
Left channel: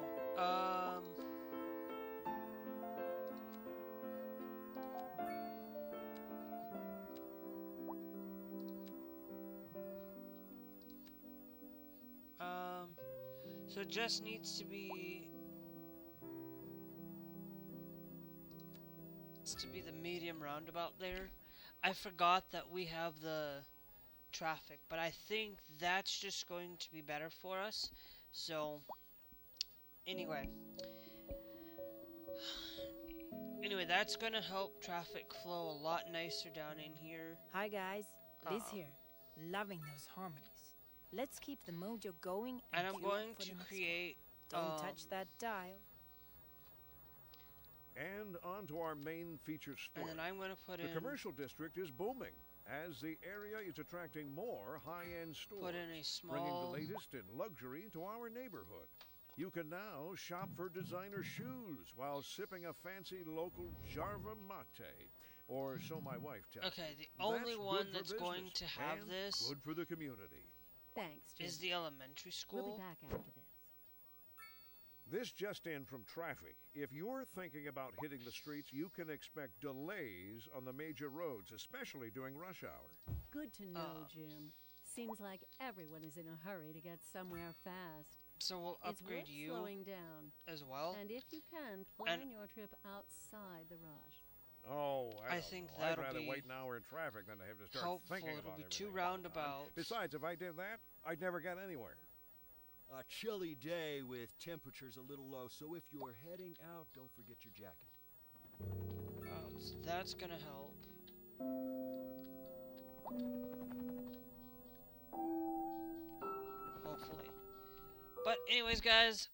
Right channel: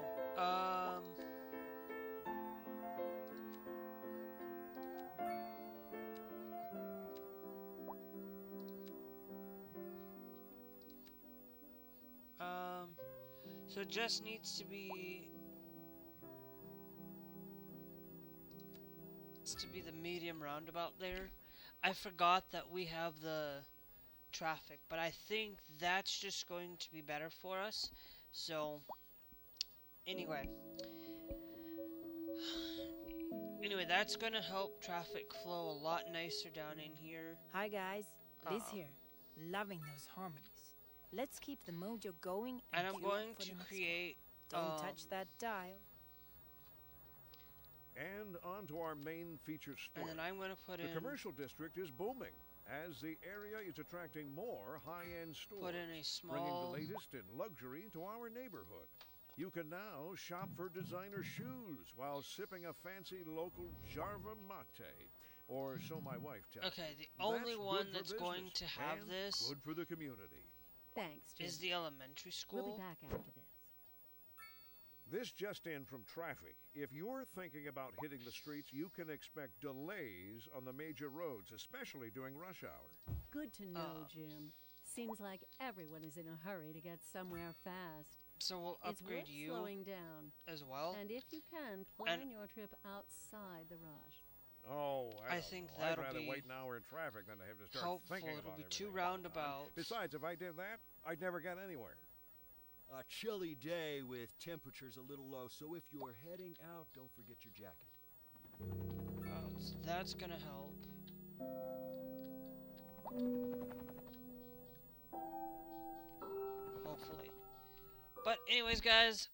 So it just needs to be the medium roundabout there. I forgot that we have the traffic, but I think that's just going to be better for us. So anyway, that's gonna help traffic flow a lot nicer down in here. Hi guys, Liz here. Loving those harmonies. Let's keep the mojo going and I'm going to create don't touch that dial. And on to our main feature store. And then I'm going to put the commercial district is booming as the area is attracting more high-end stores, put in a small, bringing the latest in luxury to our neighborhood. You can now shop for designer shoes while sipping a fancy local Jarva mate, or so my wife tells me. Okay, the only one that's going to have this good for the community. Thanks, Jim. Is the elementary school. We'll be back after this. This just in from traffic. If you're thinking about hitting the streets, you can expect delays on the major roads, especially during rush hour. Good to know, Jim. Seems like everyone is in a hurry to get somewhere fast. So we'll upgrade it's worth you slowing down as well. And if you can, plan your trip outside the rush. Oh, I think that'll I'd rather be wait an hour in traffic than to have to start helpful. thinking It'll about be everything too roundabout. Besides, if I did that, I'd never get anywhere. A chilly day with temperatures a little low, so if you're heading out, don't forget your jacket. Oh, so that's gonna help. Hopefully. But anyways, guys,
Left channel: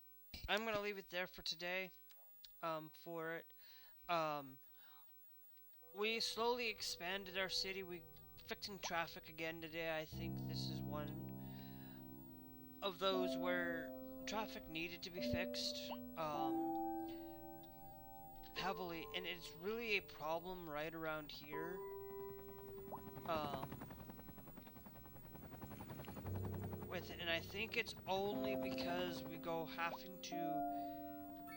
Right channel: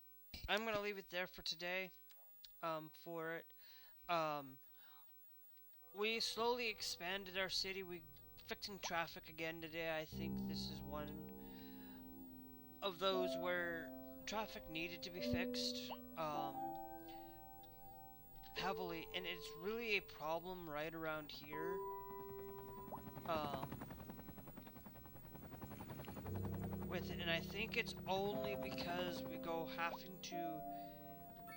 I'm gonna leave it there for today. For it. We slowly expanded our city. We fixing traffic again today. I think this is one of those where traffic needed to be fixed heavily, and it's really a problem right around here. With it, and I think it's only because we go having to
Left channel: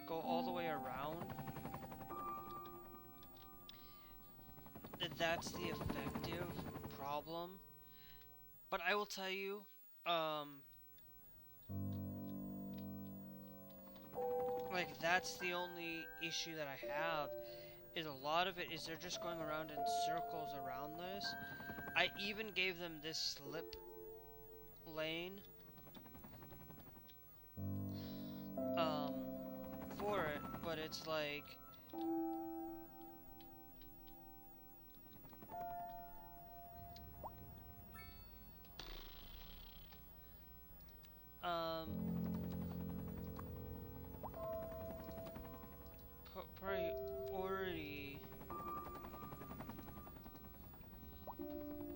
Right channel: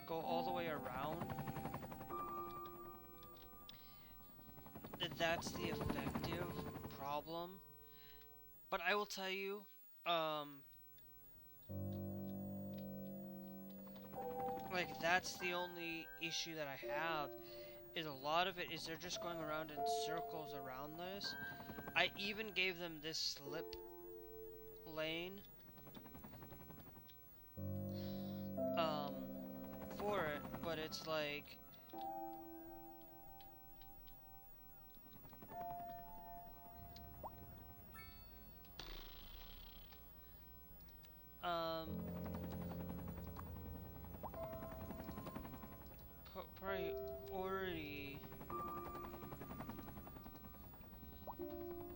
go all the way around that's the effective problem. But I will tell you, like that's the only issue that I have, is a lot of it is they're just going around in circles around this. I even gave them this slip lane for it, but it's like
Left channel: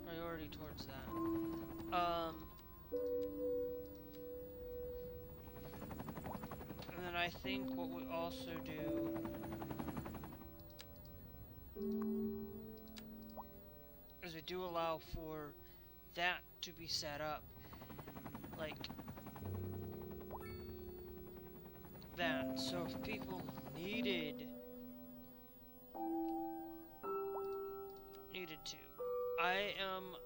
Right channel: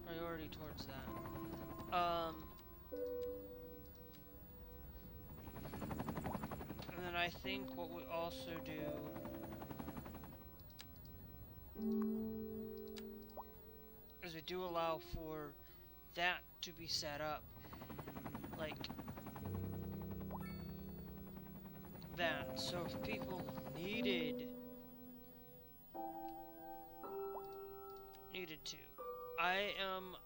priority towards that. And then I think what we also do is we do allow for that to be set up like that. So if people needed to, I am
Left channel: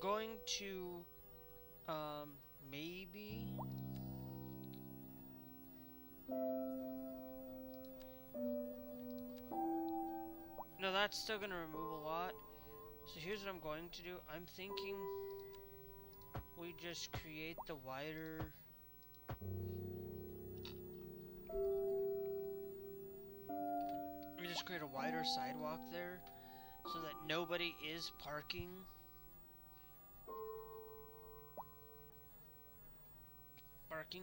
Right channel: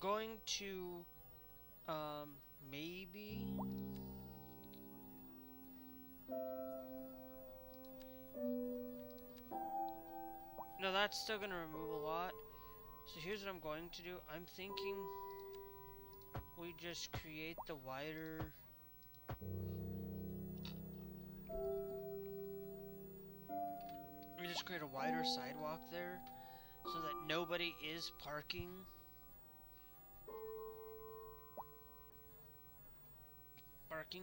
going to maybe no, that's still gonna remove a lot. So here's what I'm going to do. I'm thinking we just create the wider sidewalk there so that nobody is parking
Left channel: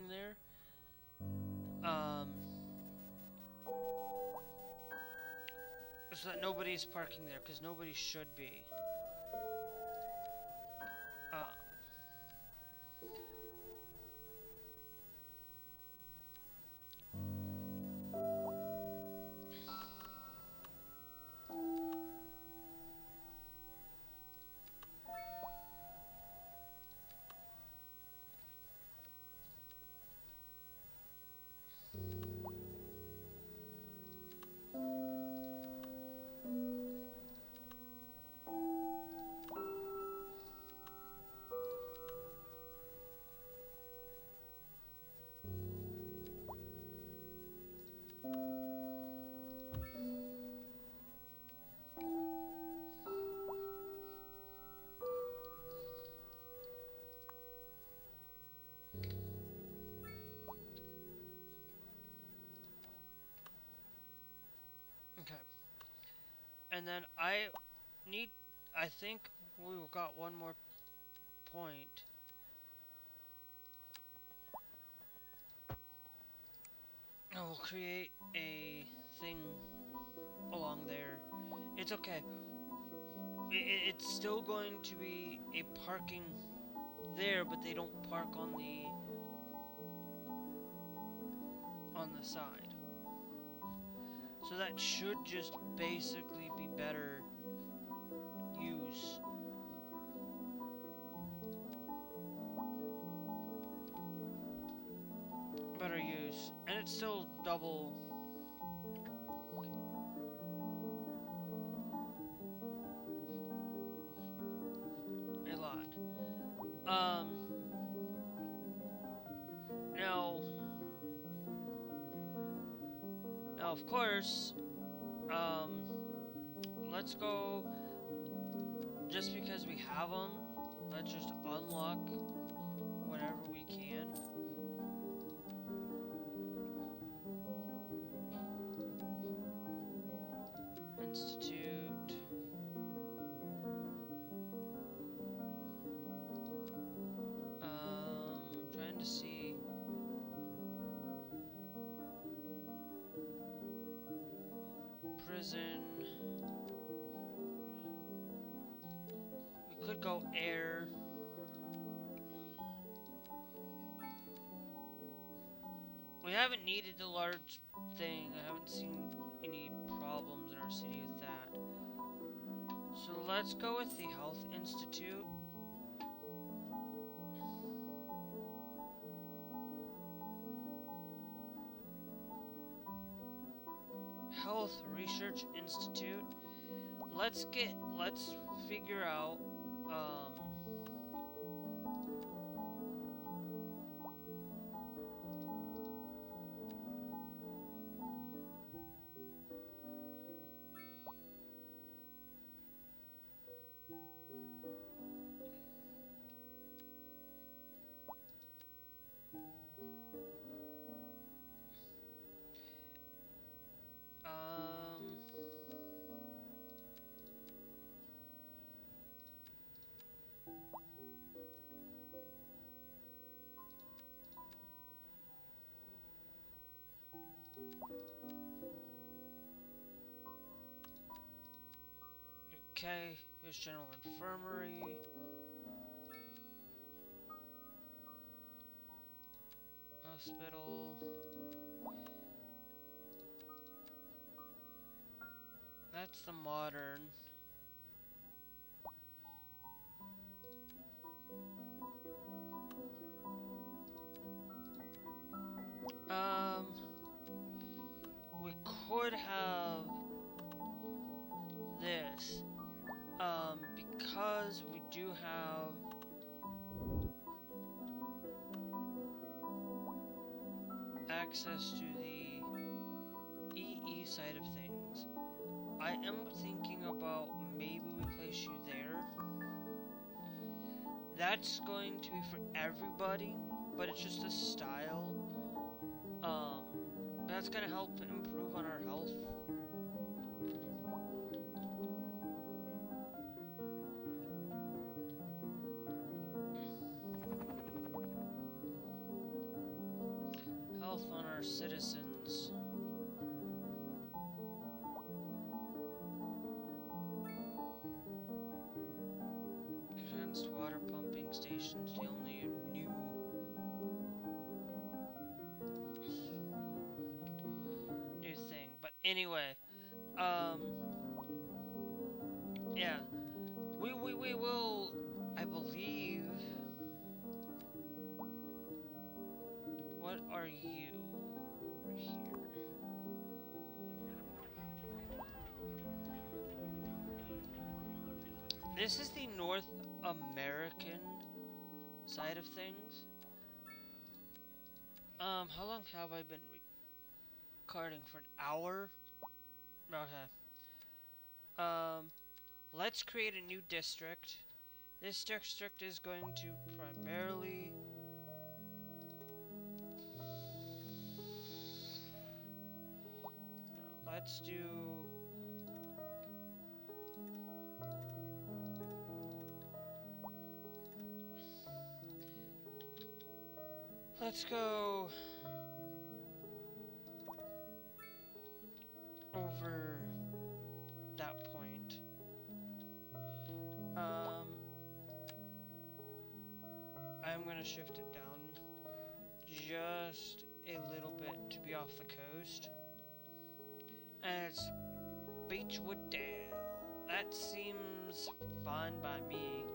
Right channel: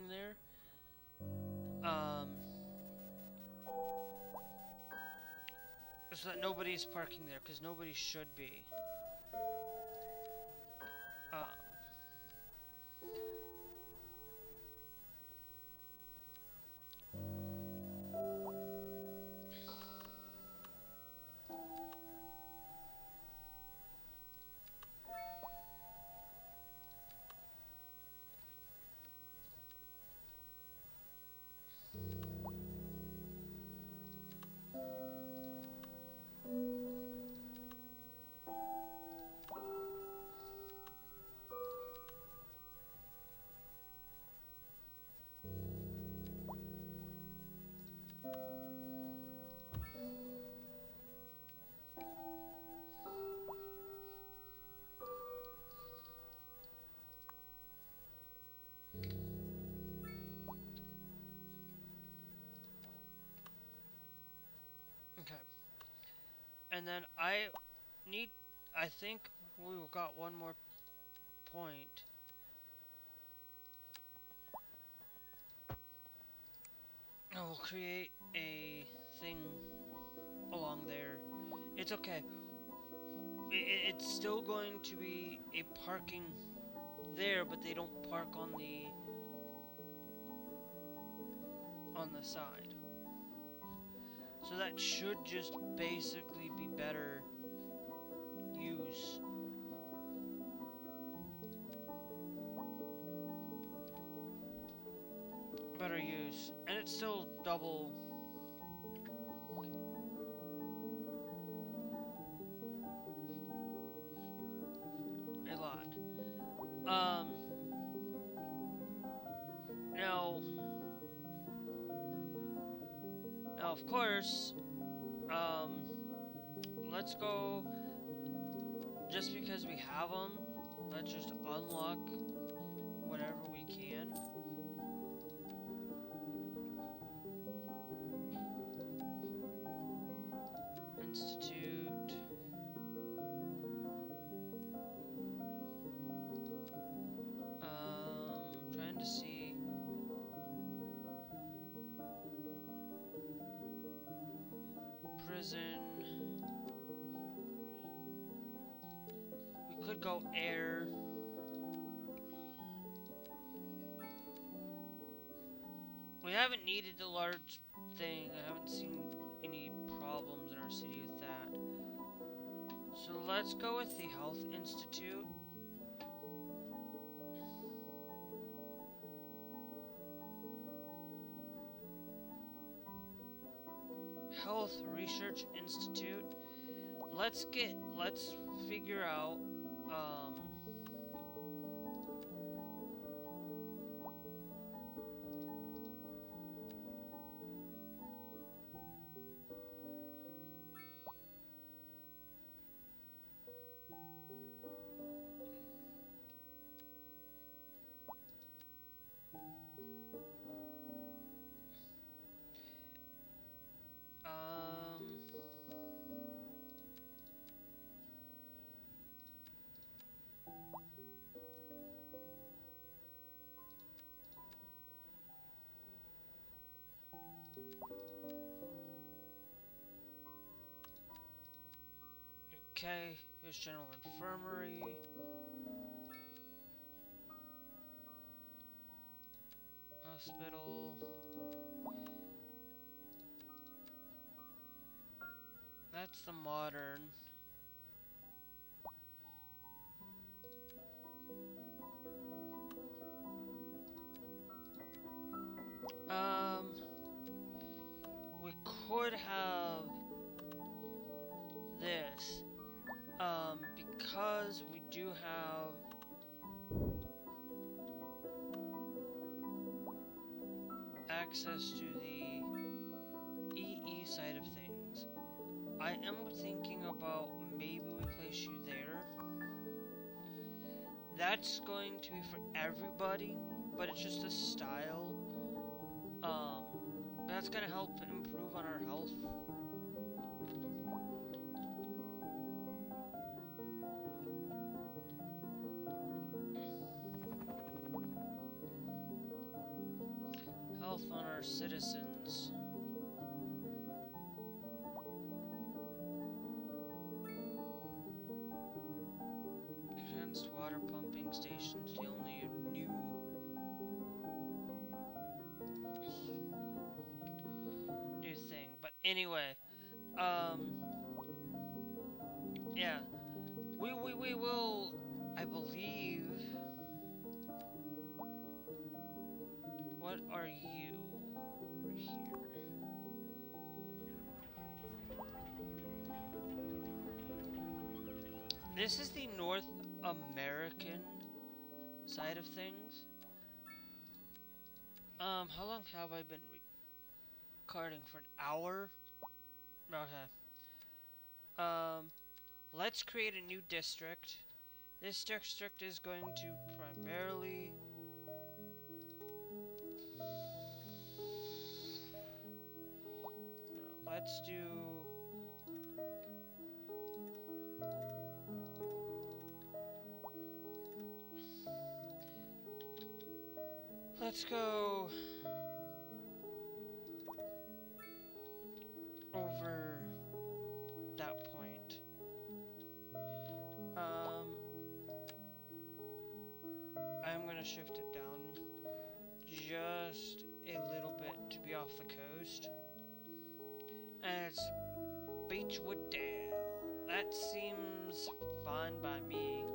there. So that nobody's parking there, because nobody should be. Okay. And then I think we've got one more point. I will create a thing along there. It's okay. It's still going to be a parking there, but they don't park on the side. So that should just basically be better use. Better use. And it's still double. A lot. Now of course, let's go, just because we have them, let's just unlock whatever we can. prison. We could go air. We haven't needed the large thing. I haven't seen any problems in our city with that. So let's go with the Health Institute. Health Research Institute. Let's figure out, okay, here's General Infirmary. Hospital. That's the modern. We could have this, because we do have access to the EE side of things. I am thinking about maybe we place you there. That's going to be for everybody, but it's just a style. That's gonna help improve on our health. Health on our citizens. Advanced water pumping stations, the only new thing. But anyway, yeah, we will, I believe. What are you over here? This is the North American side of things. How long have I been recording? For an hour? Okay. Let's create a new district. This district is going to primarily... Let's do... Let's go over that point. I'm gonna shift it down just a little bit to be off the coast. And it's Beechwood Dale. That seems fine by me.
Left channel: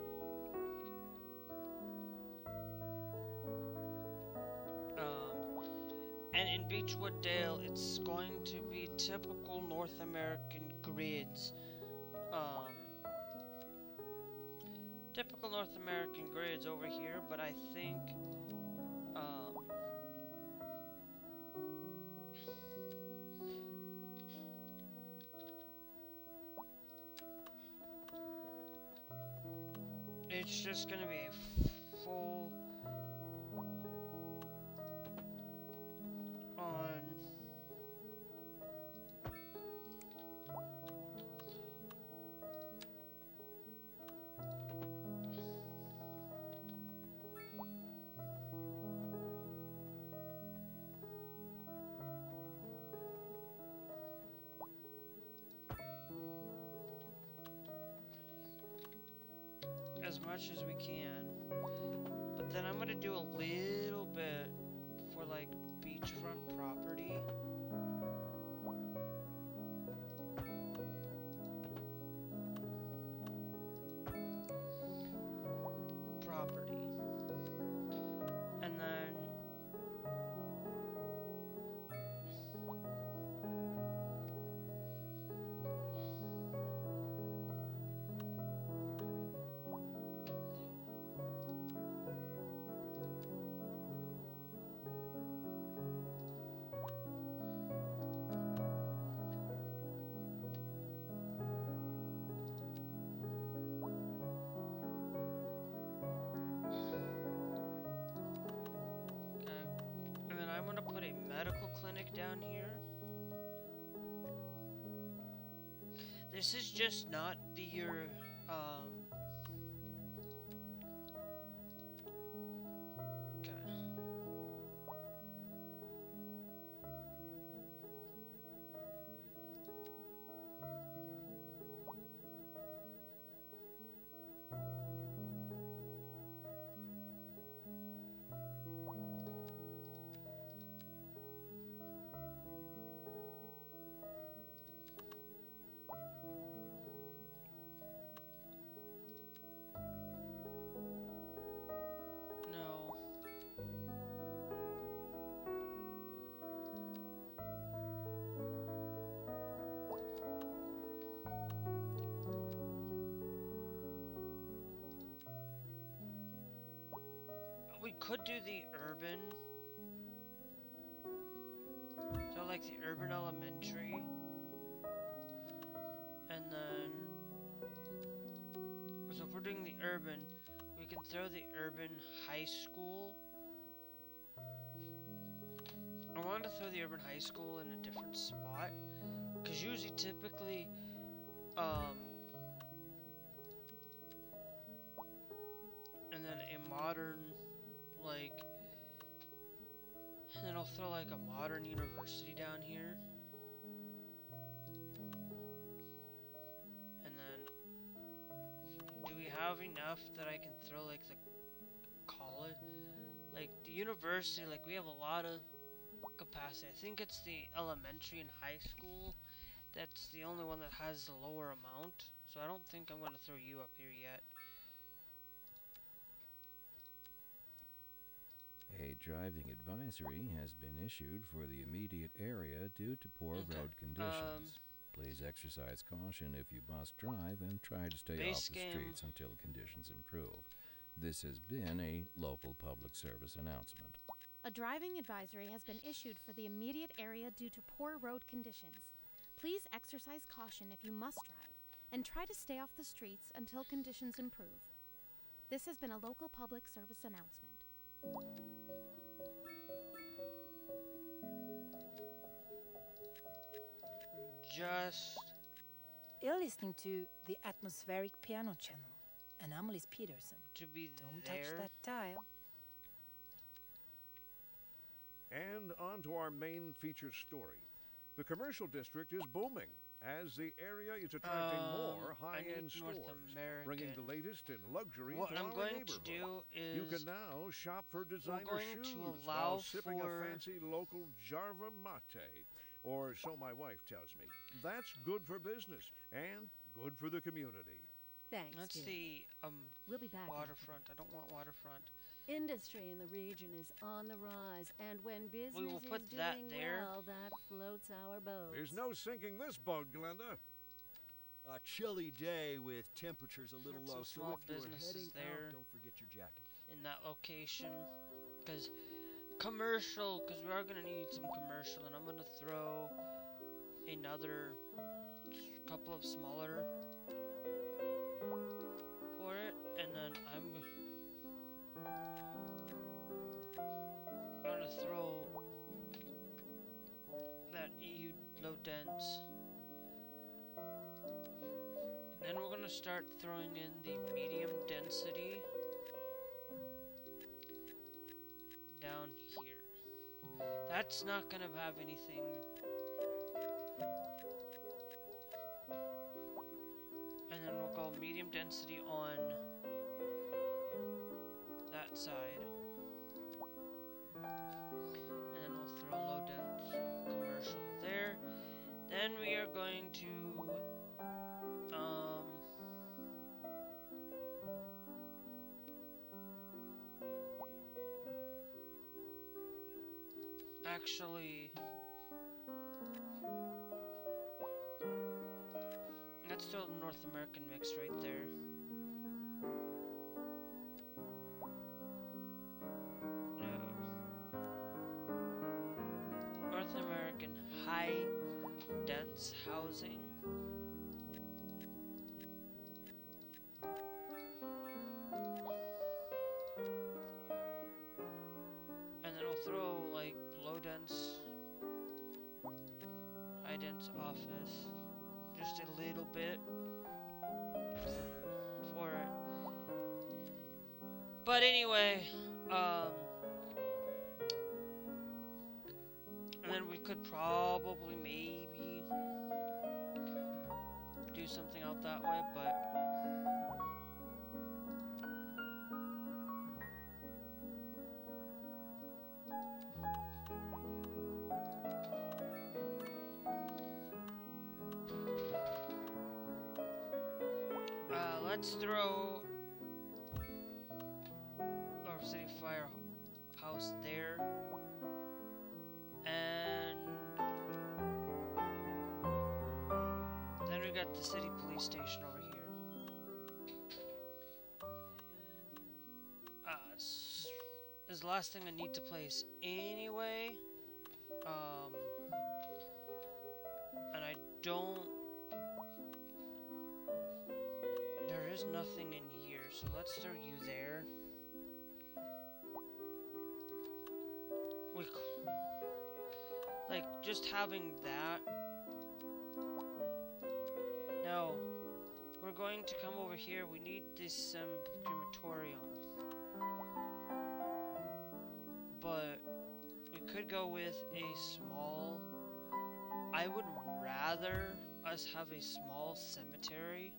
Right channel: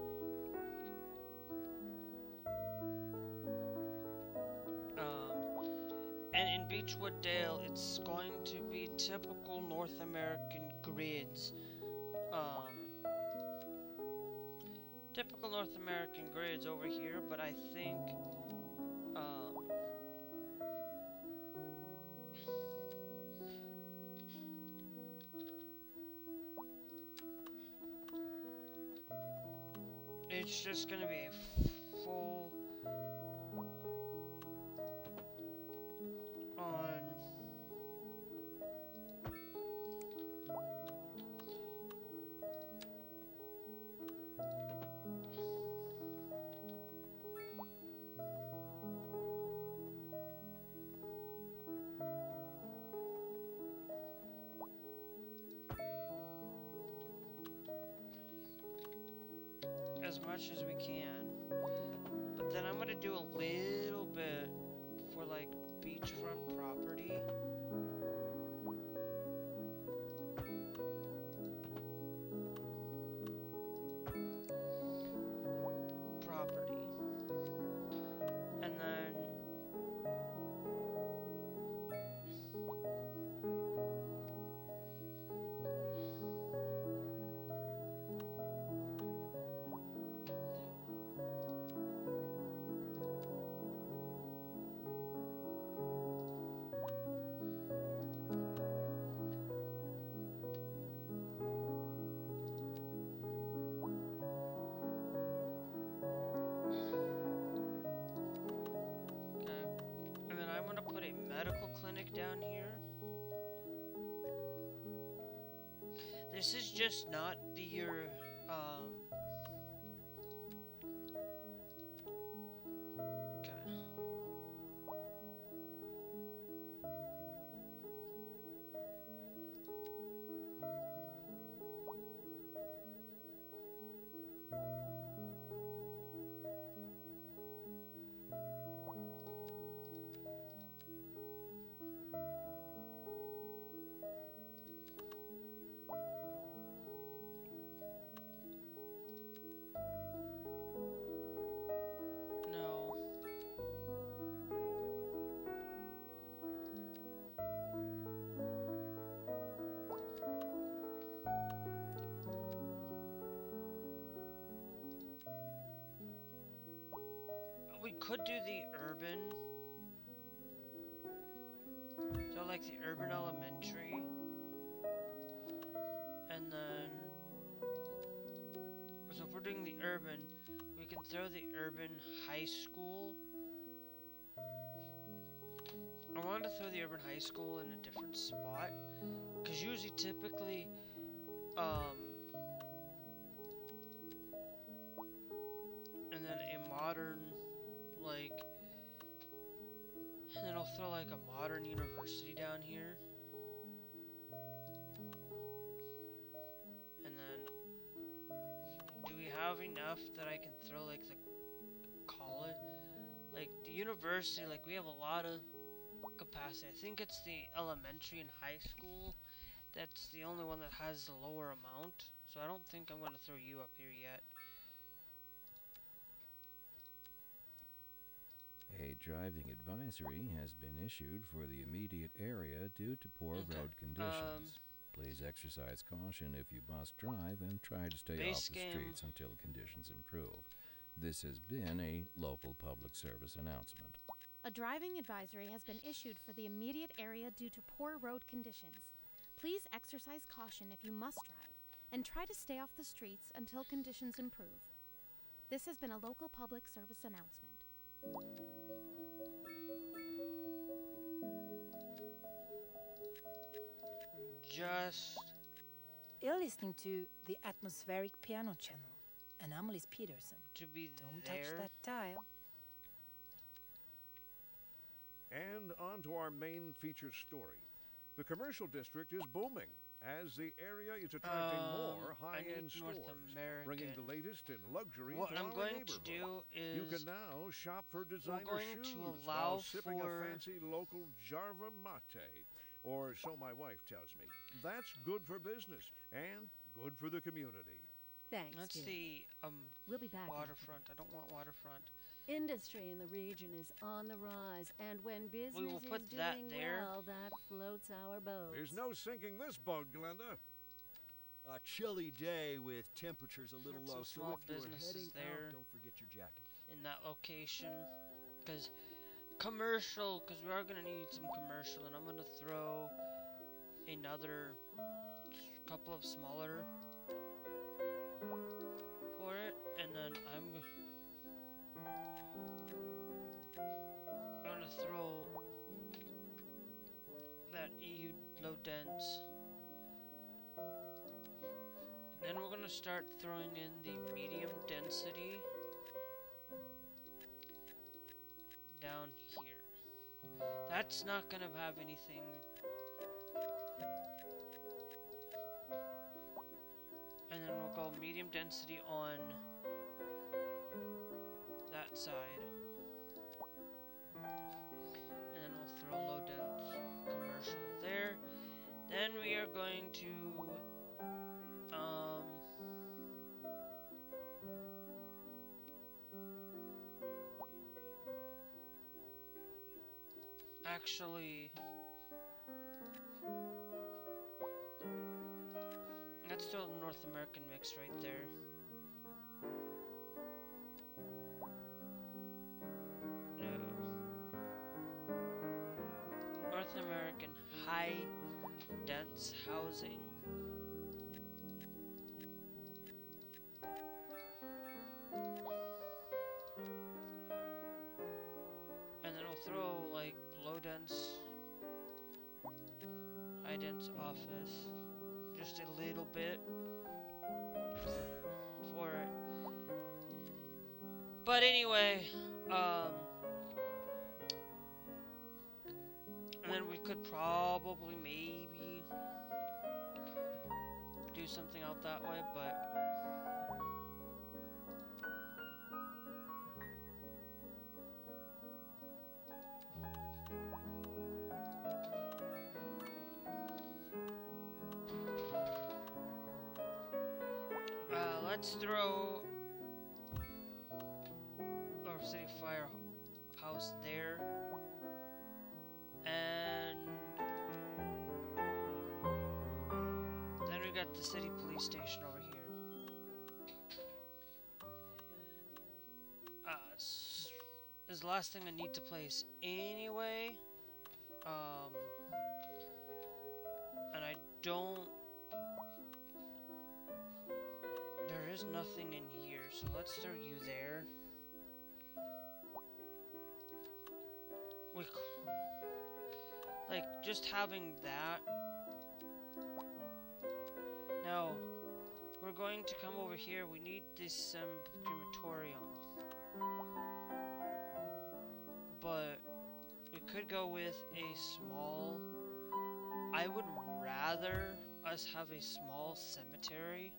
And in Beechwood Dale, it's going to be typical North American grids. Typical North American grids over here, but I think, it's just gonna be a full on as much as we can. But then I'm gonna do a little bit for like beachfront property. And then I'm gonna put a medical clinic down here. This is just not your okay. We could do the urban, so like the urban elementary, and then, so if we're doing the urban, we can throw the urban high school. I wanted to throw the urban high school in a different spot, because usually typically, and then a modern, like, and then I'll throw like a modern university down here. And then, do we have enough that I can throw like the college? Like the university, like we have a lot of capacity. I think it's the elementary and high school that's the only one that has the lower amount. So I don't think I'm going to throw you up here yet. A driving advisory has been issued for the immediate area due to poor road conditions. Please exercise caution if you must drive and try to stay off the streets until conditions improve. This has been a local public service announcement. A driving advisory has been issued for the immediate area due to poor road conditions. Please exercise caution if you must drive and try to stay off the streets until conditions improve. This has been a local public service announcement. You're listening to the atmospheric piano channel. Anomalies Peterson. To be Don't there. touch that dial. And on to our main feature story. The commercial district is booming as the area is attracting more high-end stores, bringing the latest in luxury to our neighborhood. What I'm going to do is you can now shop for designer shoes allow while sipping a fancy local Jarva mate, or so my wife tells me. That's good for business and good for the community. Thanks, That's Jim. the We'll be back. waterfront. I don't want waterfront. Industry in the region is on the rise, and when business will put is that doing there. well, that floats our boat. There's no sinking this boat, Glenda. A chilly day with temperatures a little Got some low, small so if you're businesses heading there. out, don't forget your jacket. In that location, because commercial, because we are gonna need some commercial, and I'm gonna throw another couple of smaller for it, and then I'm gonna throw that EU low dense. And then we're gonna start throwing in the medium density down here. That's not gonna have anything. And then we'll go medium density on side. And then we'll throw low dense commercial there. Then we are going to actually, let's throw the North American mix right there. No. North American high dense housing. And then we'll throw like low dense, high dense office. Just a little bit for it. But anyway, and then we could probably maybe do something out that way, but let's throw our city firehouse there, and then we got the city police station over here. Is the last thing I need to place anyway, and I don't. There is nothing in here, so let's throw you there. Like, just having that. Now, we're going to come over here. We need this crematorium. But we could go with a small. I would rather us have a small cemetery.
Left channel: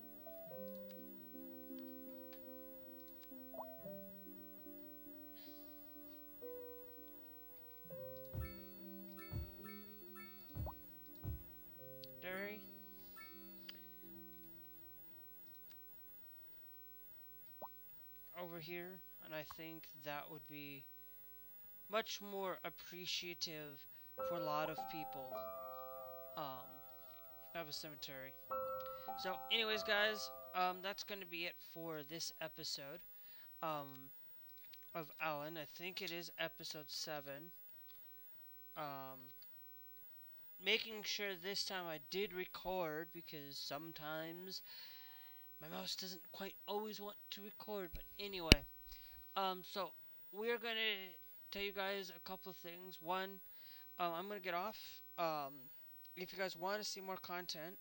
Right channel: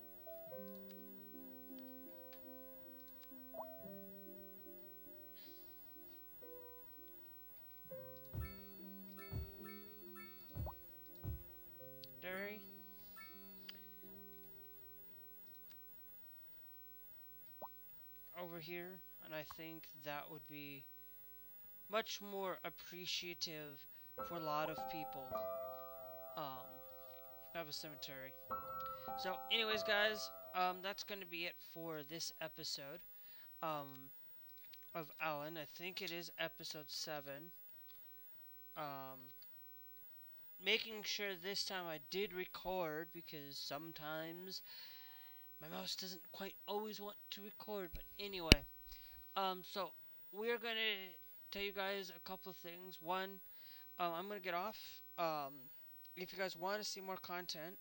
Over here, and I think that would be much more appreciative for a lot of people. Have a cemetery. So anyways, guys, that's going to be it for this episode of Alan. I think it is episode 7. Making sure this time I did record, because sometimes my mouse doesn't quite always want to record. But anyway, so we're gonna tell you guys a couple of things. One, I'm gonna get off. If you guys want to see more content,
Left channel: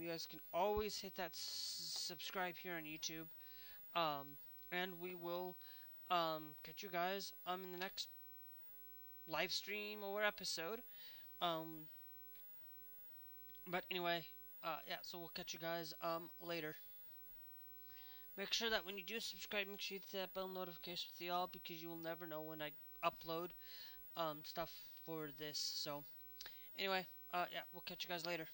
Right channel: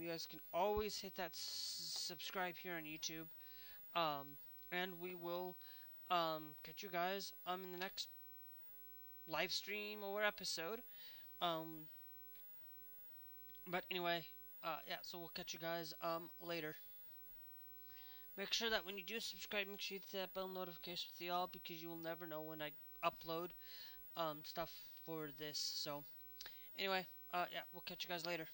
you guys can always hit that subscribe here on YouTube. And we will catch you guys in the next live stream or episode. But anyway, yeah, so we'll catch you guys later. Make sure that when you do subscribe, make sure you hit that bell notification with the all, because you will never know when I upload stuff for this. So anyway, yeah, we'll catch you guys later.